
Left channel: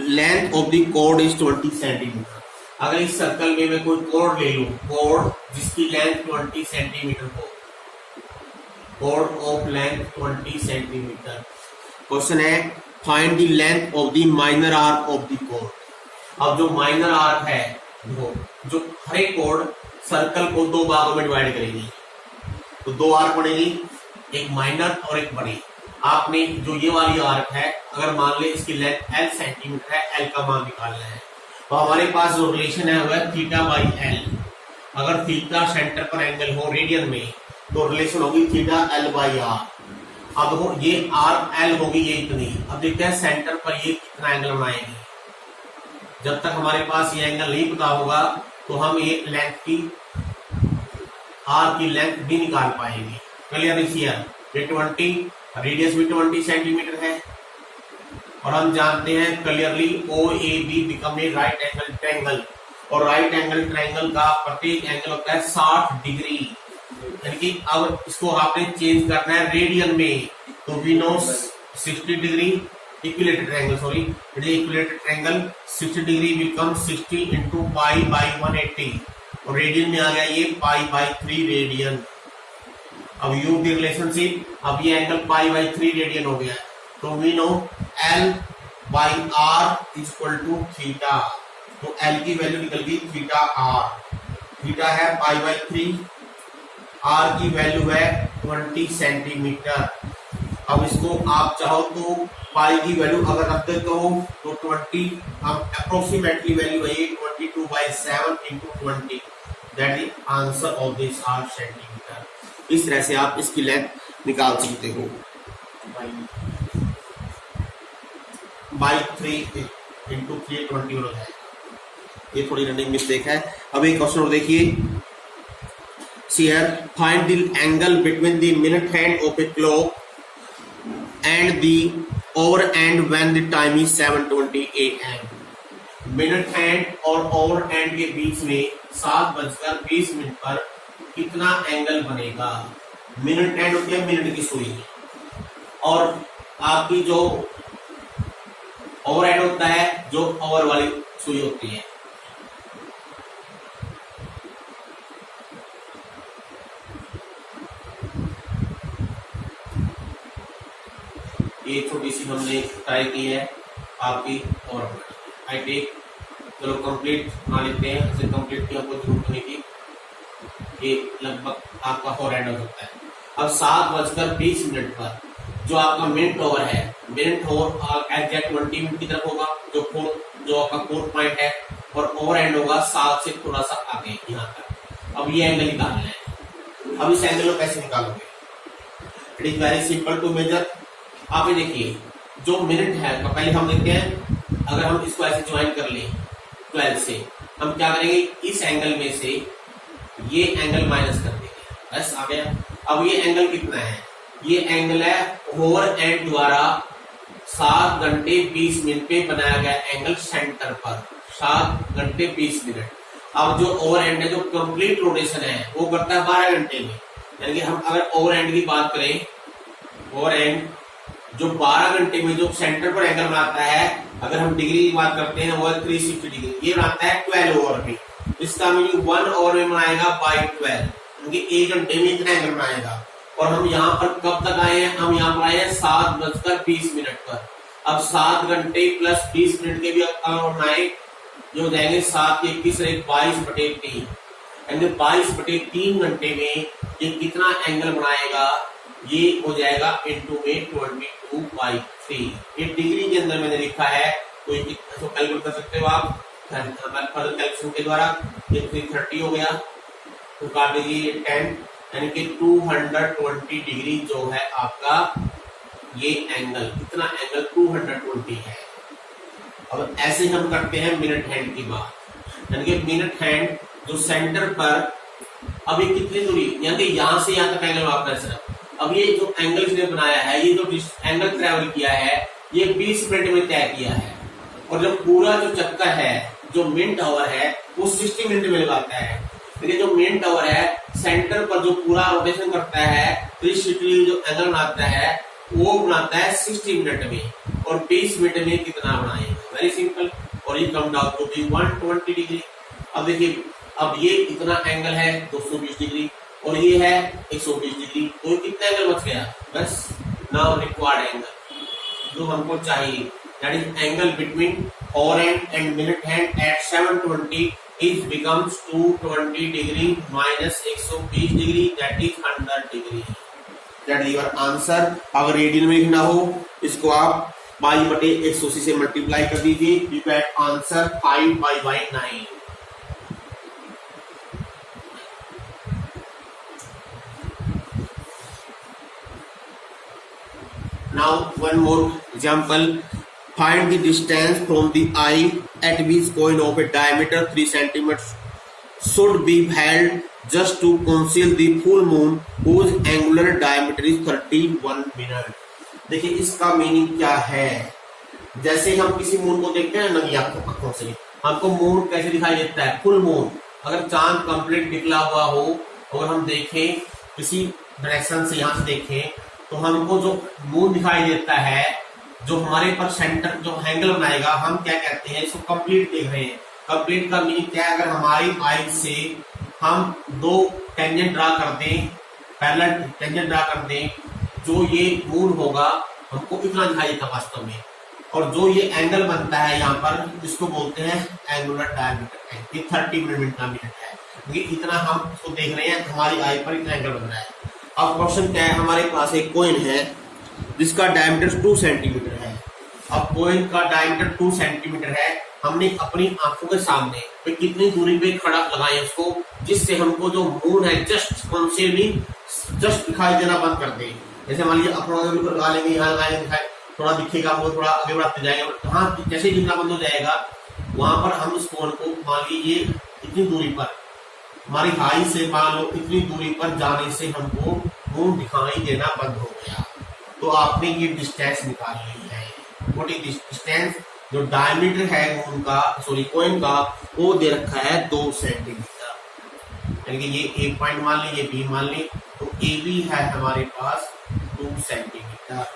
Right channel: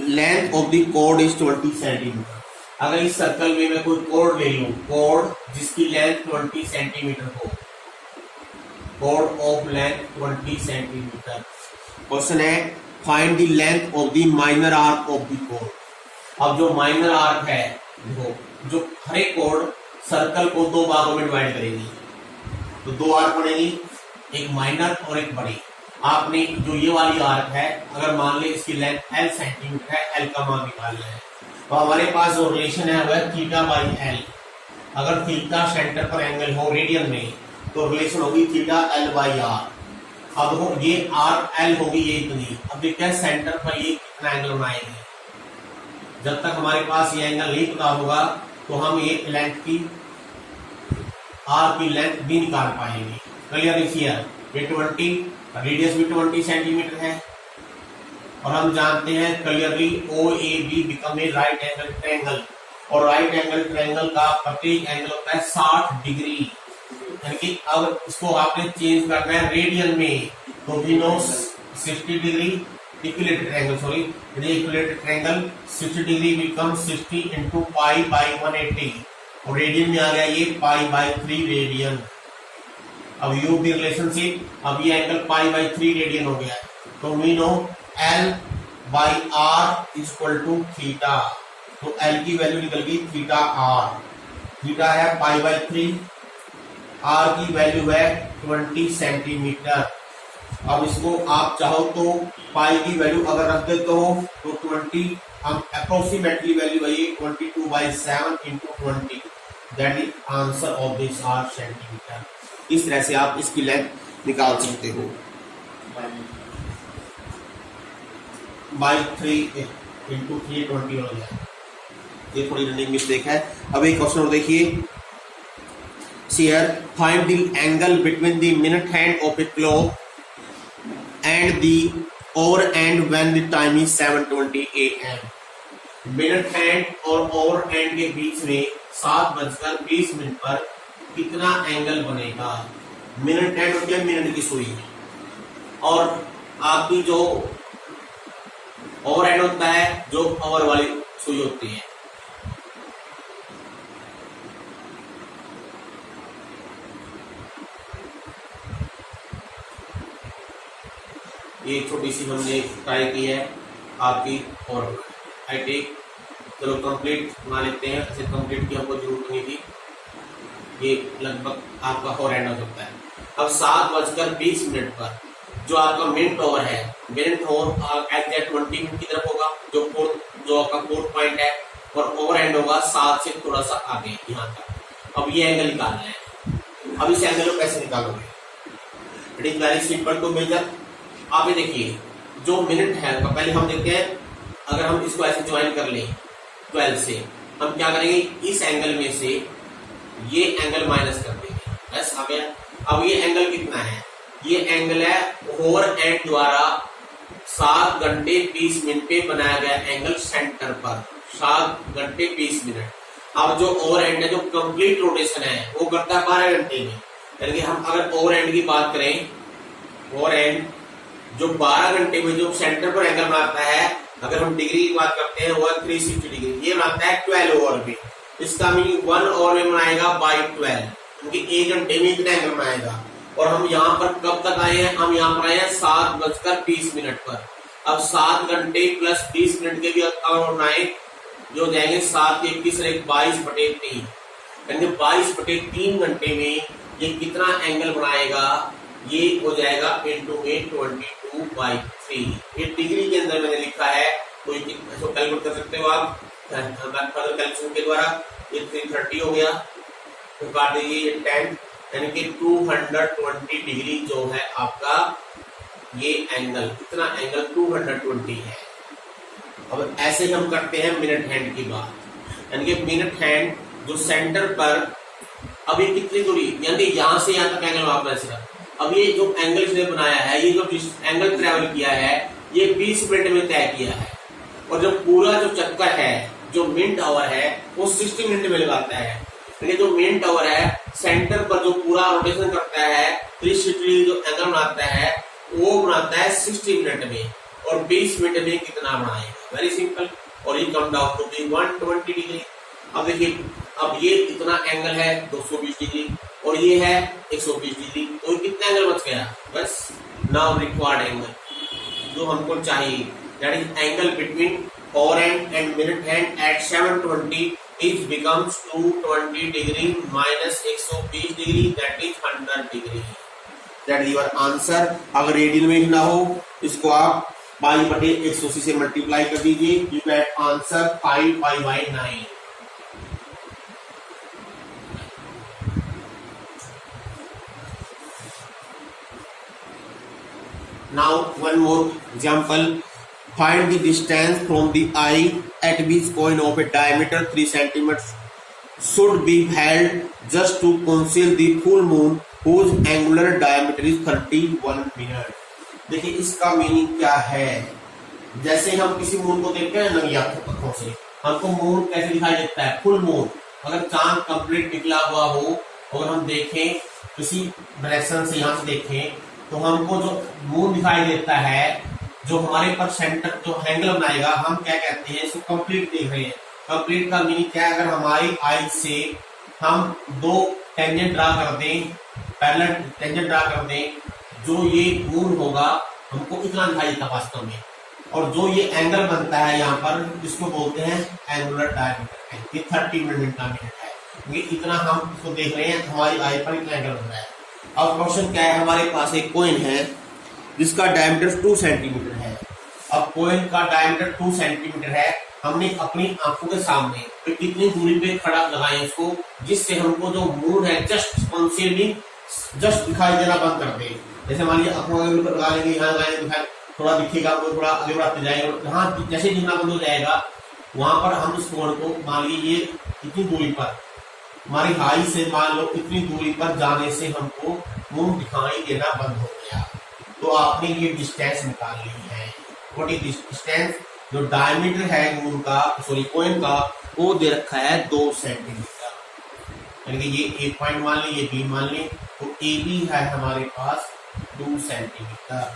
Length of the code is 20 centimetre. अगर इस सर्कल में मैं कोई कोड ले लूं, कोड जिसकी लेंथ 20 सेंटीमीटर हो, कोड ऑफ लेंथ 20 सेंटीमीटर। क्वेश्चन है find the length of the minor arc of the कोड। अब जो माइनर आर्क है, जो हर एक कोड सर्कल को 2 भागों में डिवाइड करेगी, तो 2 आर्क बनेगी, एक माइनर और एक बड़ी। आपने जो ये वाली आर्क है, अगर मान ले इसकी लेंथ L सेंटीमीटर है, L का मान निकालना है, तो हमारे पास जो रिलेशन है वो है θ/L। अगर थीटा सेंटर पर एंगल हो रेडियन में, तो रिलेशन होगी θ L/R। अब ये आर्क L होगी ये इतनी। अब देखते हैं सेंटर पर ये कितना एंगल बनाएगी। जब तक हमारे पास ये एंगल नहीं पता होगा तो हम ये लेंथ की, आर्क की लेंथ भी निकाल पाएंगे। क्लियर इज हियर, ये 20, रेडियस भी 20 सेंटीमीटर है, और हम जानते हैं clearly OAB become a right angle triangle, और राइट एंगल ट्रायंगल का प्रत्येक एंगल होता है 60 डिग्री। यानी कि अब इसको आपने चेंज करना है रेडियन में, तो we know 60 degree equilateral triangle, sorry equilateral triangle 60 degree become 60 into π/180, और रेडियन में आ गया ये π/3 रेडियन। अब यूज द रिलेशनशिप, अब ये एंगल π/3 रेडियन हो गया, तो we know L/R is equal to theta, तो L की वैल्यू निकल गई θR, थीटा है π/3, R की वैल्यू है 20 सेंटीमीटर। अब इसको आप चाहो तो पाई की वैल्यू अगर रख दे तो 20, हम अप्रोक्सीमेटली वैल्यू है 22/7 into 20, that is answer of this R centimetre. इस तरह से आप इसकी लेंथ निकाल सकते हो। बाई 3 into 3 20 हो जाएगा। ये थोड़ी रनिंग मिस्टेक है। अब एक क्वेश्चन और देखिए, here find the angle between the minute hand of a clock and the over and when the time is 7:20 AM। Minute hand और ओवर एंड के बीच में 7:20 पर कितना एंगल बनेगा। मिनट हैंड होती है मिनट की सुई, और आपकी जो ओवर एंड होता है जो ओवर वाली सुई होती है। ये छोटी सी हमने ट्राई की है आपकी, और आई टेक। चलो कंप्लीट बना लेते हैं, ऐसे कंप्लीट की हमको जरूरत नहीं थी। ये लगभग आपका फोर एंड हो सकता है। अब 7:20 पर जो आपका मिनट ओवर है, मिनट ओवर एग्जैक्ट 20 मिनट की तरफ होगा, जो आपका फोर्थ पॉइंट है, और ओवर एंड होगा 7 से थोड़ा सा आगे यहाँ तक। अब ये एंगल निकालना है। अब इस एंगल को कैसे निकालोगे? It is very simple to measure. आप ये देखिए, जो मिनट है पहले हम देखते हैं, अगर हम इसको ऐसे ज्वाइन कर लें 12 से, हम क्या करेंगे, इस एंगल में से ये एंगल माइनस कर देंगे, बस आ गया। अब ये एंगल कितना है? ये एंगल है ओवर एंड द्वारा 7 घंटे 20 मिनट पे बनाया गया एंगल सेंटर पर, 7 घंटे 20 मिनट। अब जो ओवर एंड है, जो कंप्लीट रोटेशन है, वो करता है 12 घंटे में। यानी कि हम अगर ओवर एंड की बात करें, ओवर एंड जो 12 घंटे में जो सेंटर पर एंगल बनाता है, अगर हम डिग्री की बात करते हैं, वो 360 डिग्री, ये बनाता है 12 ओवर में। इसका मीनिंग 1 ओवर में बनाएगा बाई 12, क्योंकि 1 घंटे में इतना एंगल बनाएगा। और हम यहाँ पर कब तक आए हैं? हम यहाँ पर आए हैं 7:20 पर। अब 7 घंटे प्लस 20 मिनट के भी अगर बनाए, जो हो जाएंगे 7 के 21 और 22/3, यानी 22/3 घंटे में ये कितना एंगल बनाएगा? ये हो जाएगा इंटू में 22/3। ये डिग्री के अंदर मैंने लिखा है, तो इसको कैलकुलेट कर सकते हो आप फर्दर कैलकुलेशन के द्वारा। ये 330 हो गया, तो काट दीजिए ये 10, यानी कि 220 डिग्री जो है आपका ये एंगल, इतना एंगल 220 है। अब ऐसे हम करते हैं मिनट हैंड की बात, यानी कि मिनट हैंड जो सेंटर पर, अब ये कितनी दूरी, यानी कि यहां से यहां तक एंगल मापना है सिर्फ। अब ये जो एंगल इसने बनाया है, ये जो एंगल ट्रेवल किया है, ये 20 मिनट में तय किया है। और जो पूरा जो चक्कर है, जो मिनट आवर है, वो 60 मिनट में लगाता है। यानी जो मिनट आवर है, सेंटर पर जो पूरा रोटेशन करता है, 360 जो एंगल बनाता है, वो बनाता है 60 मिनट में, और 20 मिनट में कितना बनाएगा? Very simple. और ये कम डाउन टू 120 डिग्री। अब देखिए, अब ये इतना एंगल है 220 डिग्री, और ये है 120 डिग्री, तो कितना एंगल बच गया? बस नाउ रिक्वायर्ड एंगल जो हमको चाहिए, that is angle between over and and minute hand eight 7:20 is becomes 220 degree minus 120 degree, that is 100 degree. That is your answer. अगर रेडियन में लिखना हो, इसको आप π/180 से मल्टीप्लाई कर दीजिए, you get answer 5/9। Now one more example. Find the distance from the eye at which coin of a diameter 3 cm should be held just to conceal the full moon whose angular diameter is 31 minutes. देखिए इसका meaning क्या है। जैसे हम किसी moon को देखते हैं नंगी आंखों से, हमको मून कैसे दिखाई देता है? Full moon. अगर चांद कंप्लीट निकला हुआ हो, और हम देखें किसी डायरेक्शन से, यहाँ से देखें, तो हमको जो मून दिखाई देता है, जो हमारे पर सेंटर जो एंगल बनाएगा, हम क्या कहते हैं? इसको कंप्लीट देख रहे हैं। कंप्लीट का मीनिंग क्या है? अगर हमारी आई से हम 2 टेंजेंट ड्रा कर दें, पैरेलल टेंजेंट ड्रा कर दें, जो ये मून होगा हमको इतना दिखाई देता वास्तव में। और जो ये एंगल बनता है यहाँ पर, जिसको बोलते हैं एंगुलर डायमीटर, ये 30 मिनट का मिनट है, क्योंकि इतना हम इसको देख रहे हैं, हमारी आई पर इतना एंगल बन रहा है। अब क्वेश्चन क्या है? हमारे पास एक कॉइन है जिसका डायमीटर 2 सेंटीमीटर है। अब कॉइन का डायमीटर 2 सेंटीमीटर है, हमने अपनी आंखों के सामने तो कितनी दूरी पे खड़ा लगाए इसको, जिससे हमको जो मून है जस्ट दिखाई देना बंद कर दे। जैसे मान लीजिए अपना लगा लेंगे, यहाँ लगाएंगे, दिखाई थोड़ा दिखेगा, वो थोड़ा आगे बढ़ाते जाएगा, और जहाँ जैसे गिरना बंद हो जाएगा, वहां पर हम उस कोण को मान लीजिए इतनी दूरी पर, हमारी हाई से मान लो इतनी दूरी पर जाने से हमको मून दिखाई देना बंद हो गया, तो आपने ये डिस्टेंस निकाल ली है। व्हाट इज डिस्टेंस, जो डायमीटर है मून का, सॉरी कॉइन का, वो दे रखा है 2 सेंटीमीटर। यानी कि ये ए पॉइंट मान लें, ये बी मान लें, तो ए बी है हमारे पास 2 सेंटीमीटर।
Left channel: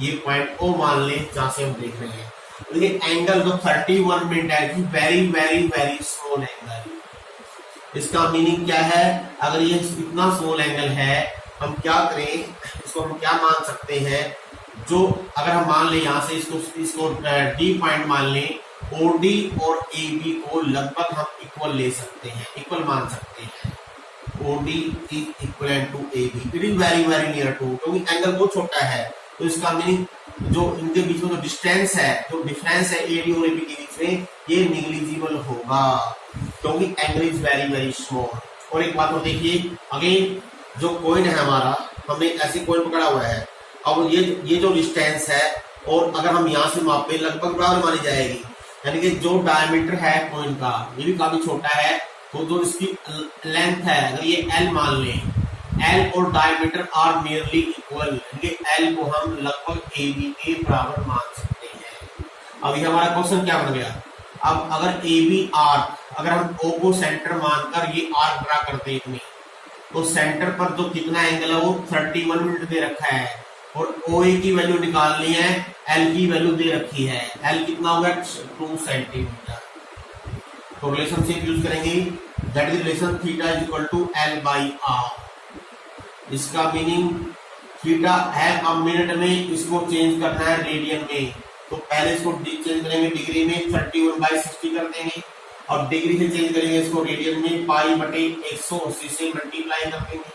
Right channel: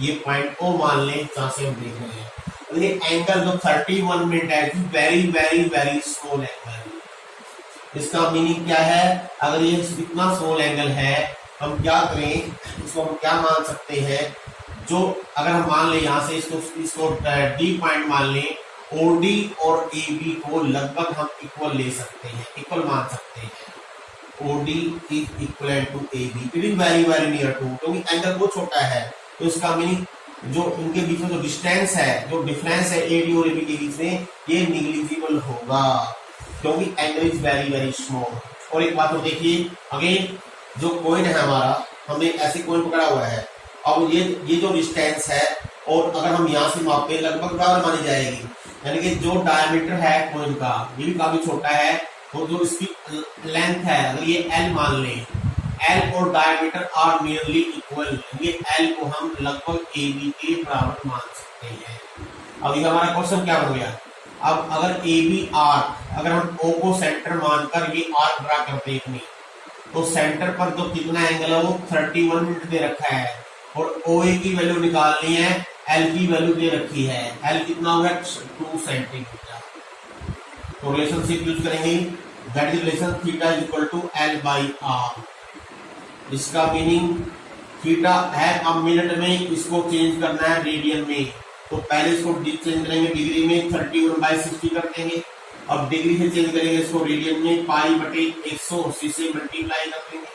ये पॉइंट ओ मान लें जहां से हम देख रहे हैं। तो ये एंगल जो 31 मिनट है, very very very small angle. इसका मीनिंग क्या है, अगर ये इतना स्मॉल एंगल है, हम क्या करें, इसको हम क्या मान सकते हैं, जो अगर हम मान लें यहां से इसको डी पॉइंट मान लें, ओडी और ए बी को लगभग हम इक्वल ले सकते हैं, इक्वल मान सकते हैं। OD is equal to A B, it is very very near to, क्योंकि एंगल बहुत छोटा है। तो इसका मीनिंग जो इनके बीच में जो डिस्टेंस है, जो डिफरेंस है एडी और एबी के बीच में, ये निग्लिजिबल होगा, क्योंकि angle is very very small. और एक बात और देखिए, अगेन जो कॉइन है हमारा, हमने ऐसे कॉइन पकड़ा हुआ है, अब ये जो डिस्टेंस है, और अगर हम यहाँ से मापे लगभग बराबर मानी जाएगी। यानी कि जो डायमीटर है कॉइन का, ये भी काफी छोटा है, तो जो इसकी लेंथ है, अगर ये एल मान लें, एल और डायमीटर आर नियरली इक्वल, ये एल को हम लगभग ए बी के बराबर मान सकते हैं। अब ये हमारा क्वेश्चन क्या बन गया, अब अगर ए बी आर, अगर हम ओ को सेंटर मानकर ये आर ड्रा करते हैं, तो सेंटर पर जो कितना एंगल है वो 31 मिनट दे रखा है, और ओ ए की वैल्यू निकालनी है, एल की वैल्यू दे रखी है, एल कितना होगा 2 सेंटीमीटर। तो रिलेशनशिप यूज करेंगे, that is relation theta is equal to L by R. इसका मीनिंग थीटा है, अब मिनट में इसको चेंज करना है रेडियन में, तो पहले इसको चेंज करेंगे डिग्री में, 31/60 कर देंगे, और डिग्री से चेंज करेंगे इसको रेडियन में, पाई बटे 180 से मल्टीप्लाई कर देंगे,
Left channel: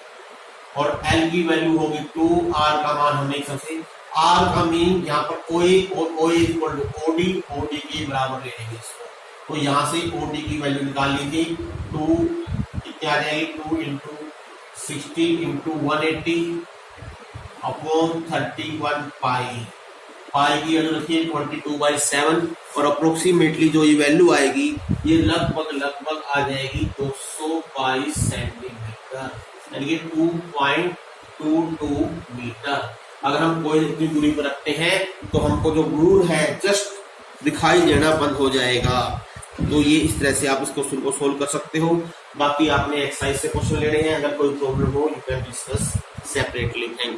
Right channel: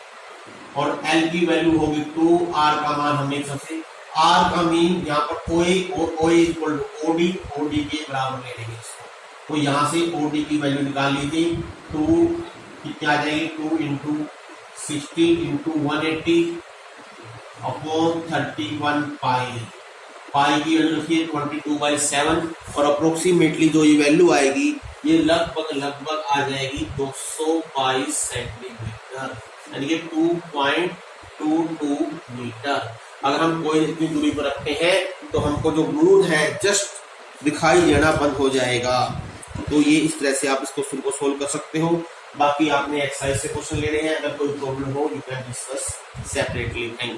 और एल की वैल्यू होगी 2, आर का मान हमने सबसे, आर का मीन यहाँ पर ओ ए, और ओ ए इक्वल टू ओडी, ओडी के बराबर ले लेंगे इसको। तो यहाँ से ओडी की वैल्यू निकाल लीजिए, 2 कितनी आ जाएगी, 2 इंटू 60 इंटू 180 अपॉन 31 पाई, पाई की वैल्यू रखिए 22/7, और अप्रोक्सीमेटली जो ये वैल्यू आएगी, ये लगभग आ जाएगी 222 सेंटीमीटर, यानी कि 2.22 मीटर। अगर हम कोई इतनी दूरी पर रखते हैं, तो हमको जो मून है जस्ट दिखाई देना बंद हो जाएगा। तो ये इस तरह से आप इस क्वेश्चन को सोल्व कर सकते हो। बाकी आपने एक्सरसाइज से क्वेश्चन लेने हैं, अगर कोई प्रॉब्लम हो you can discuss separately. Thank you.